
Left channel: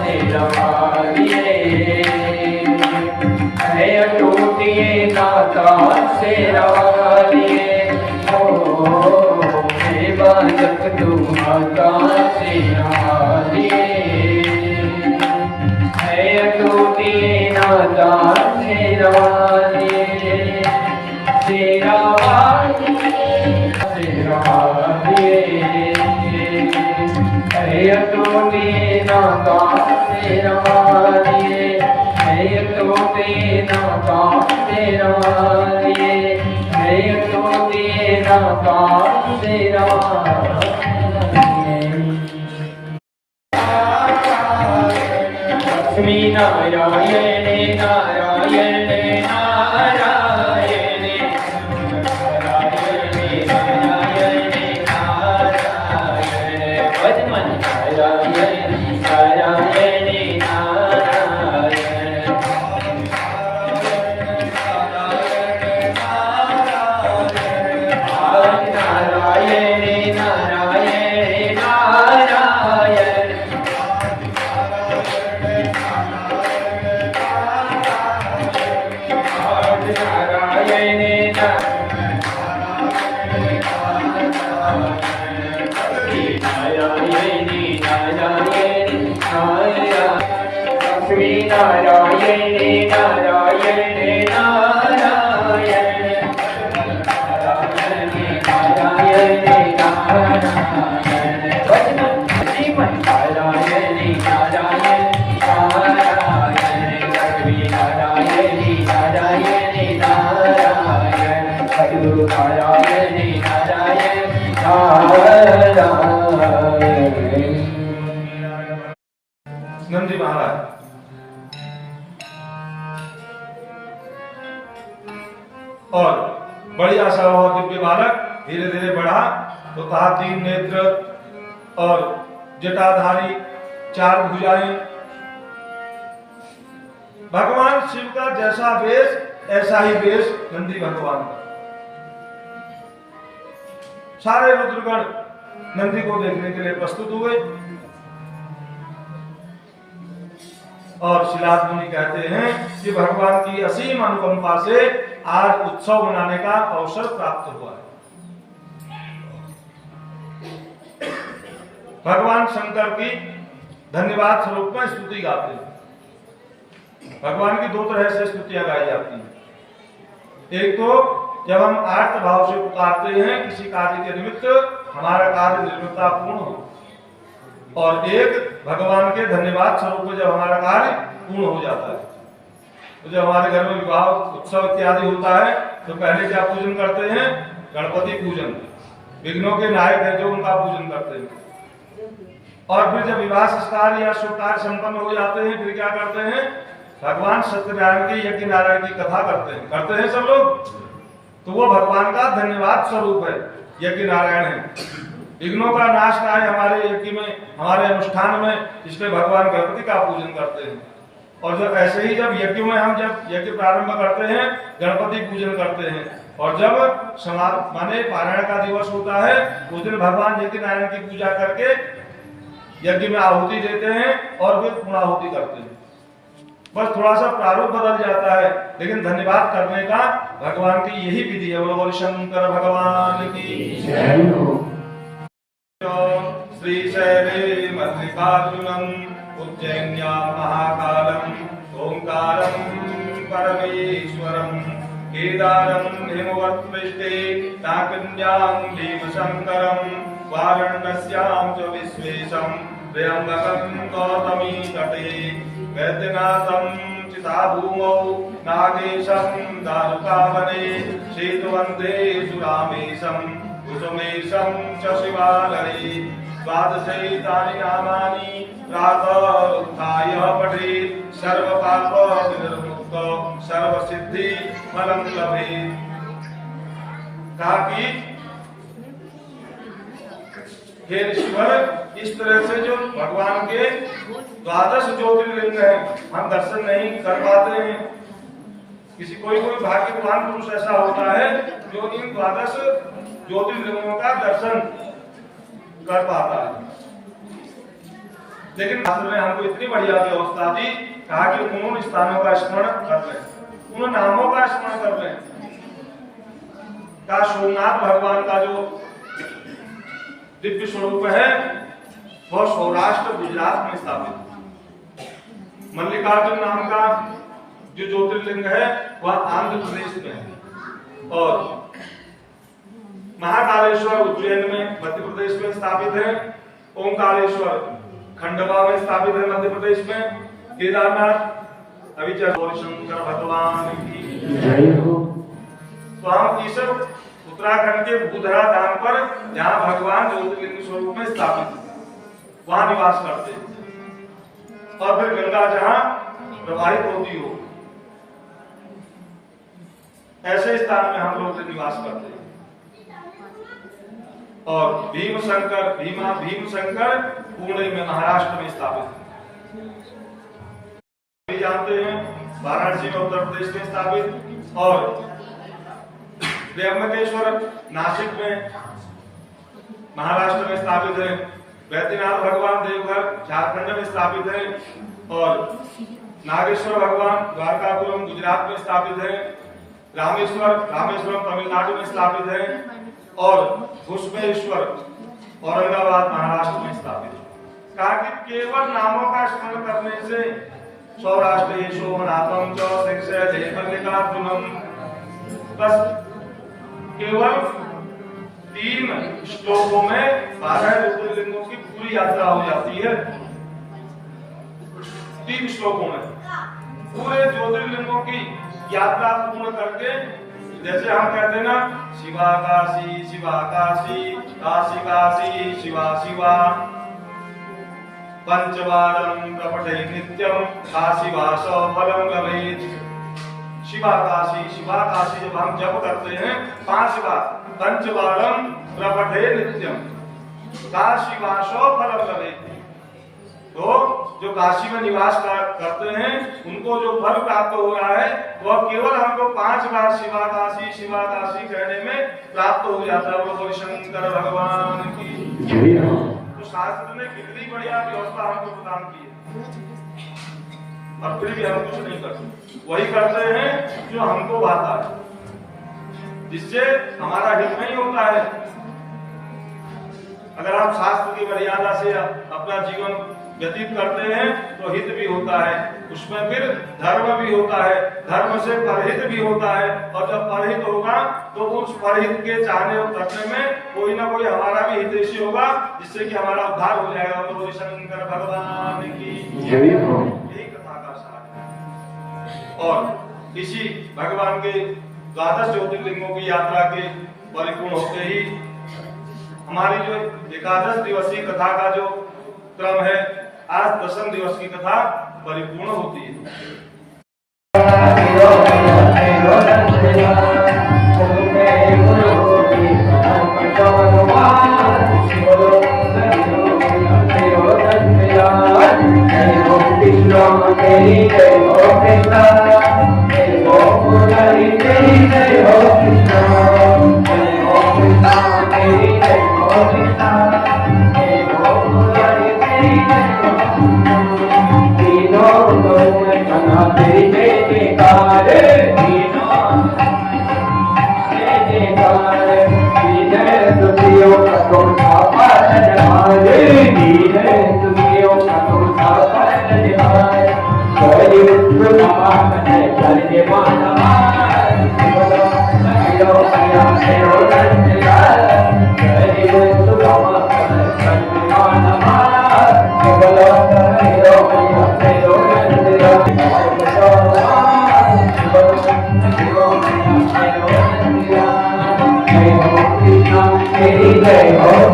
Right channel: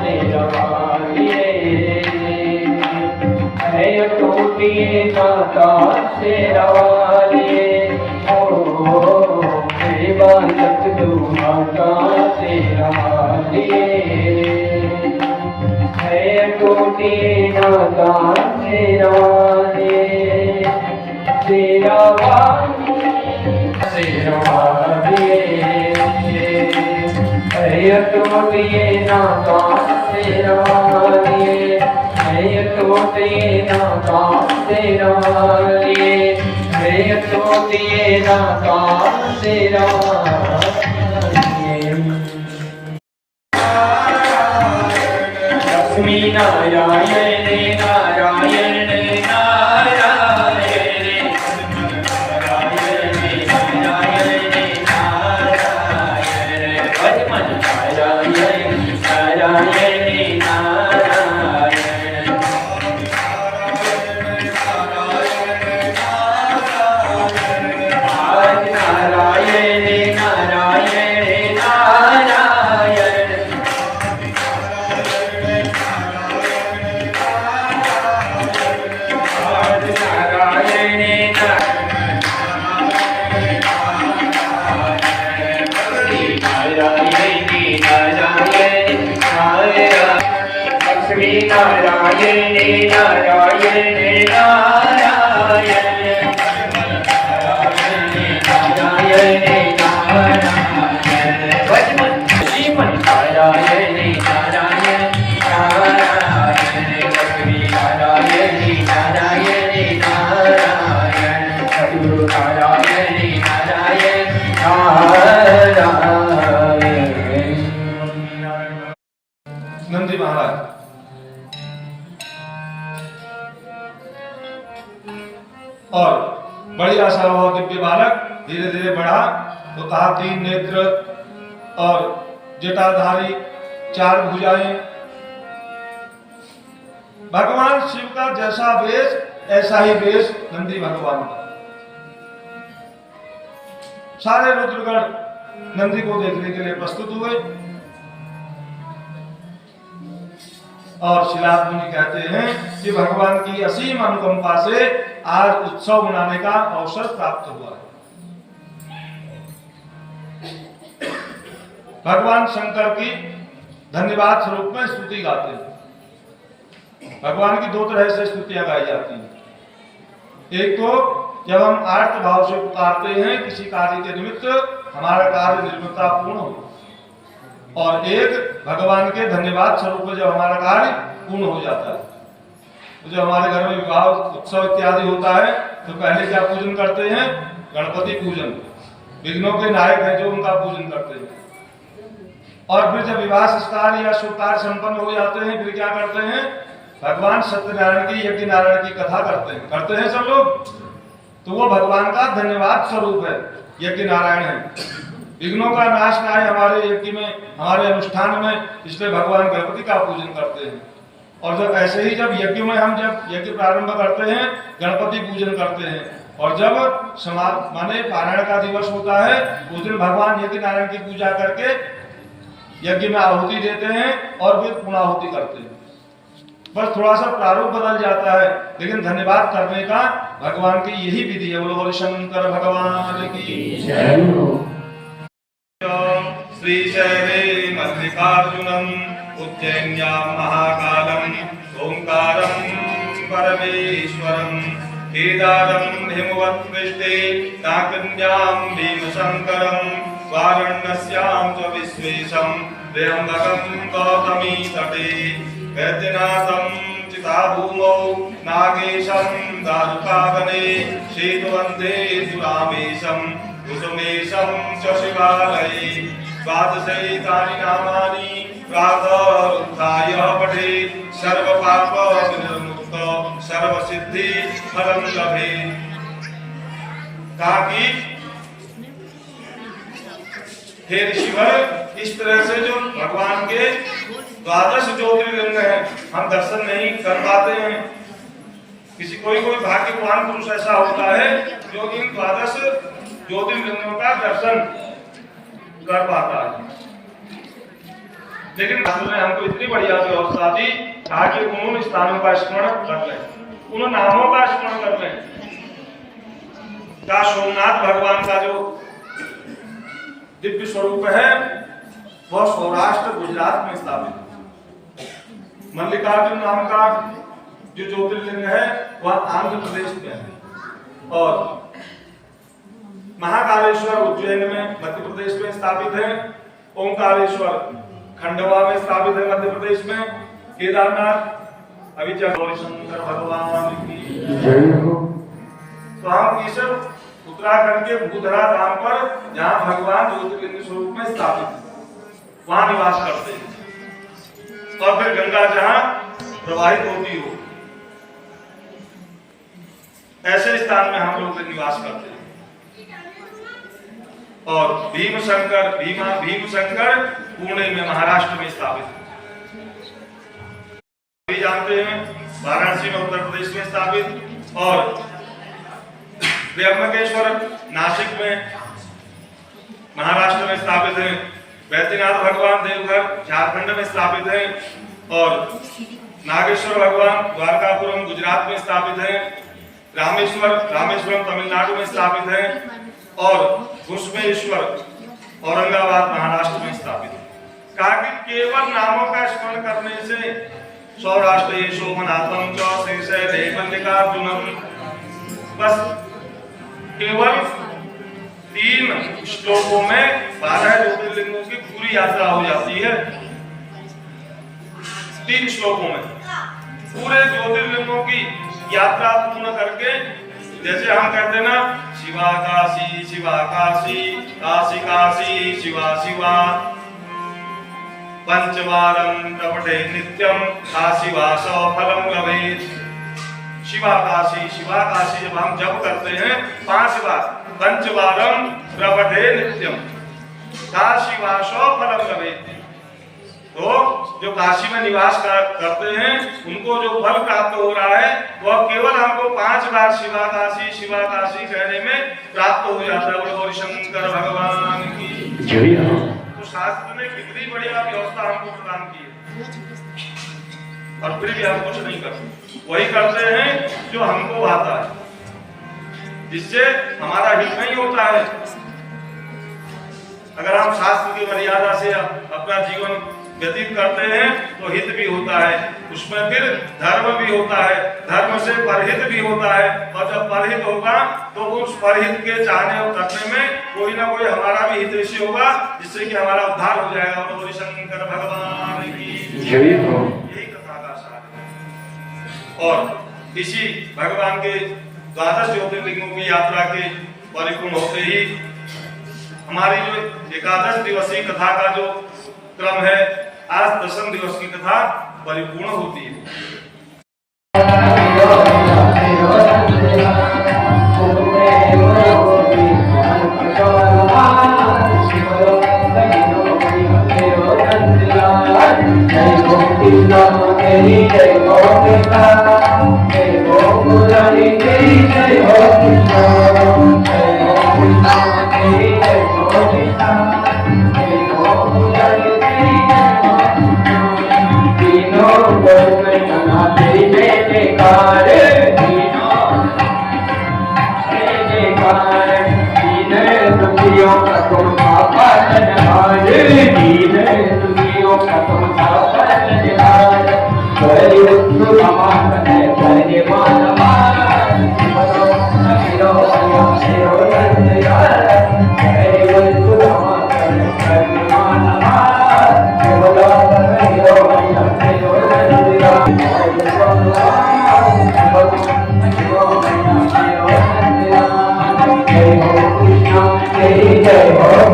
तेरा वालिए है टूटिए नाता तेरा वालिए हे बालक तू माता तेरा वालिए है टूटिए नाता तेरा वालिए तेरा वालिए तेरा वालिए है टूटिए नाता तेरा वालिए है टूटिए नाता तेरा वालिए है टूटिए नाता तेरा लक्ष्मी नारायण नारायण नारायण नारायण नारायण भजमन नारायण नारायण नारायण नारायण नारायण नारायण नारायण भजमन श्रीमन नंदी महाराज। और बड़ी आशा हुआ दिव्य बालक धीरे धीरे बढ़ा तो कहा 3 नेत्र और जटाधारी, 4 भुजाएं। भगवान शिव का जैसा वेश ऐसा ही वेश नंदी भगवान का। सारे रुद्रगण नंदी को देखने के लिए प्रस्तुत हुए और शिलाद मुनि कहते हैं कि भगवान की असीम अनुकंपा से आज उत्सव मनाने का अवसर प्राप्त हुआ है। भगवान शंकर की धन्यवाद स्वरूप में स्तुति गाते हैं। भगवान की 2 तरह से स्तुतियां गाई जाती हैं। एक तो जब हम आर्त भाव से पुकारते हैं किसी कार्य के निमित्त हमारा कार्य निर्मितता पूर्ण हो, और एक भगवान के धन्यवाद स्वरूप जब हमारा कार्य पूर्ण हो जाता है। तो जब हमारे घर में विवाह उत्सव इत्यादि होता है तो पहले क्या पूजन करते हैं? गणपति पूजन। विघ्नों के नायक है जो उनका पूजन करते हैं। और फिर जब विवाह संस्कार या शुभ कार्य संपन्न हो जाते हैं फिर क्या करते हैं? भगवान सत्यनारायण की, यज्ञ नारायण की कथा करते हैं सब लोग। तो वो भगवान का धन्यवाद स्वरूप है, यज्ञ नारायण है। विघ्नों का नाश है हमारे यज्ञ में, हमारे अनुष्ठान में, इसलिए भगवान गणपति का पूजन करते हैं। और जब ऐसे ही जब यज्ञ में हम जब यज्ञ प्रारंभ करते हैं गणपति पूजन करते हैं, और जब माने पारायण का दिवस होता है उस दिन भगवान यज्ञ नारायण की पूजा करके यज्ञ में आहुति देते हैं और फिर पूर्णाहुति करते हैं। बस थोड़ा सा प्रारूप बदल जाता है, लेकिन धन्यवाद करने का भगवान की यही विधि है। बोलो शंकर भगवान की जय हो। श्रीशैले मल्लिकार्जुनम् उज्जैन्यां महाकालम् ओंकारं परमेश्वरम् केदारं हिमवत्पृष्ठे नाकन्यां भीमशङ्करं वाराणस्यां च विश्वेशं त्र्यम्बकं गौतमी तटे वैद्यनाथं चिताभूमौ नागेशं दारुकावने शेतुवन्दे सुरामेशं कुसुमेशं च शिवालये द्वादशैतानि नामानि प्रातः उत्थाय पठेत् सर्वपाप विनिर्मुक्त सर्वसिद्धि फलं लभेत्। कहा कि हे ऋषिवर, इस तरह से जो भगवान के 12 ज्योतिर्लिंग है हम दर्शन नहीं कर पाते हैं। किसी कोई भाग्यवान पुरुष ऐसा होता है जो इन 12 ज्योतिर्लिंगों का दर्शन कर पाता है। लेकिन ने हमको इतनी बढ़िया व्यवस्था दी, कहा कि उन स्थानों का स्मरण कर लें, उन नामों का स्मरण कर लें। का सोमनाथ भगवान का जो दिव्य स्वरूप है वह सौराष्ट्र गुजरात में स्थापित है। मल्लिकार्जुन नाम का जो ज्योतिर्लिंग है वह आंध्र प्रदेश में है, और महाकालेश्वर उज्जैन में मध्य प्रदेश में स्थापित है। ओंकारेश्वर खंडवा में स्थापित है मध्य प्रदेश में। केदारनाथ अभी शंकर भगवान की जय हो। तो हम इस उत्तराखंड के बुधरा धाम पर जहाँ भगवान ज्योतिर्लिंग स्वरूप में स्थापित है वहां निवास करते हैं, और फिर गंगा जहाँ प्रवाहित होती हो ऐसे स्थान में हम लोग निवास करते हैं। और भीमशंकर पुणे में महाराष्ट्र में स्थापित है। जानते हैं वाराणसी में उत्तर प्रदेश में स्थापित, और त्र्यंबकेश्वर नासिक में महाराष्ट्र में स्थापित है। वैद्यनाथ भगवान देवघर झारखंड में स्थापित है, और नागेश्वर भगवान द्वारकापुरम गुजरात में स्थापित है। रामेश्वरम तमिलनाडु में स्थापित है, और घुष्मेश्वर औरंगाबाद महाराष्ट्र में स्थापित है। कहा कि केवल नामों का स्मरण करने से सौराष्ट्र सोमनाथम मल्लिकार्जुनम, बस केवल 3 श्लोकों में 12 ज्योतिर्लिंगों की पूरी यात्रा हो जाती है। 3 श्लोकों में पूरे ज्योतिर्लिंगों की यात्रा पूर्ण करके, जैसे हम कहते हैं ना शिवा काशी काशी काशी शिवा शिवा, पंचवारं प्रपठे नित्यं काशीवासो फलं लभेत्। शिवा काशी जब हम जप करते हैं 5 बार, पंचवारं प्रपठे नित्यम काशीवासो फलं लभेत्। तो जो काशी में निवास करते हैं उनको जो फल प्राप्त हो रहा है वह केवल हमको 5 बार शिवा काशी कहने में प्राप्त हो जाता है। बोलो शंकर भगवान की जय। तो शास्त्र ने कितनी बढ़िया व्यवस्था हमको प्रदान की है, और फिर भी हम कुछ नहीं करते, वही करते हैं जो हमको भाता है, जिससे हमारा हित नहीं होता है। अगर हम शास्त्र की मर्यादा से अपना जीवन व्यतीत करते हैं तो हित भी होता है, उसमें फिर धर्म भी होता है, धर्म से परहित भी होता है, और जब परहित होगा तो उस परहित के चाहने और करने में कोई ना कोई हमारा भी हितैषी होगा, जिससे कि हमारा उद्धार हो जाएगा। बोलो शंकर भगवान की जय। यही कथा का सार है। और इसी भगवान के 12 ज्योतिर्लिंगों की यात्रा के परिपूर्ण होते ही हमारी जो 11 दिवसीय कथा का जो क्रम है, आज 10 दिवस की कथा परिपूर्ण होती है।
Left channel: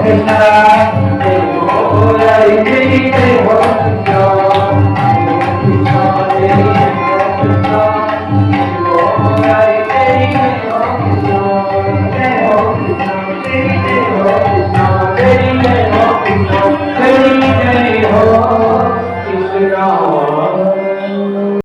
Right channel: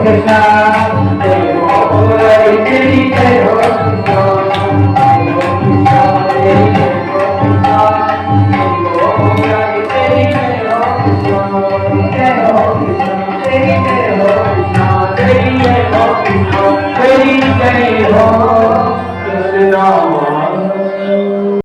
Krishna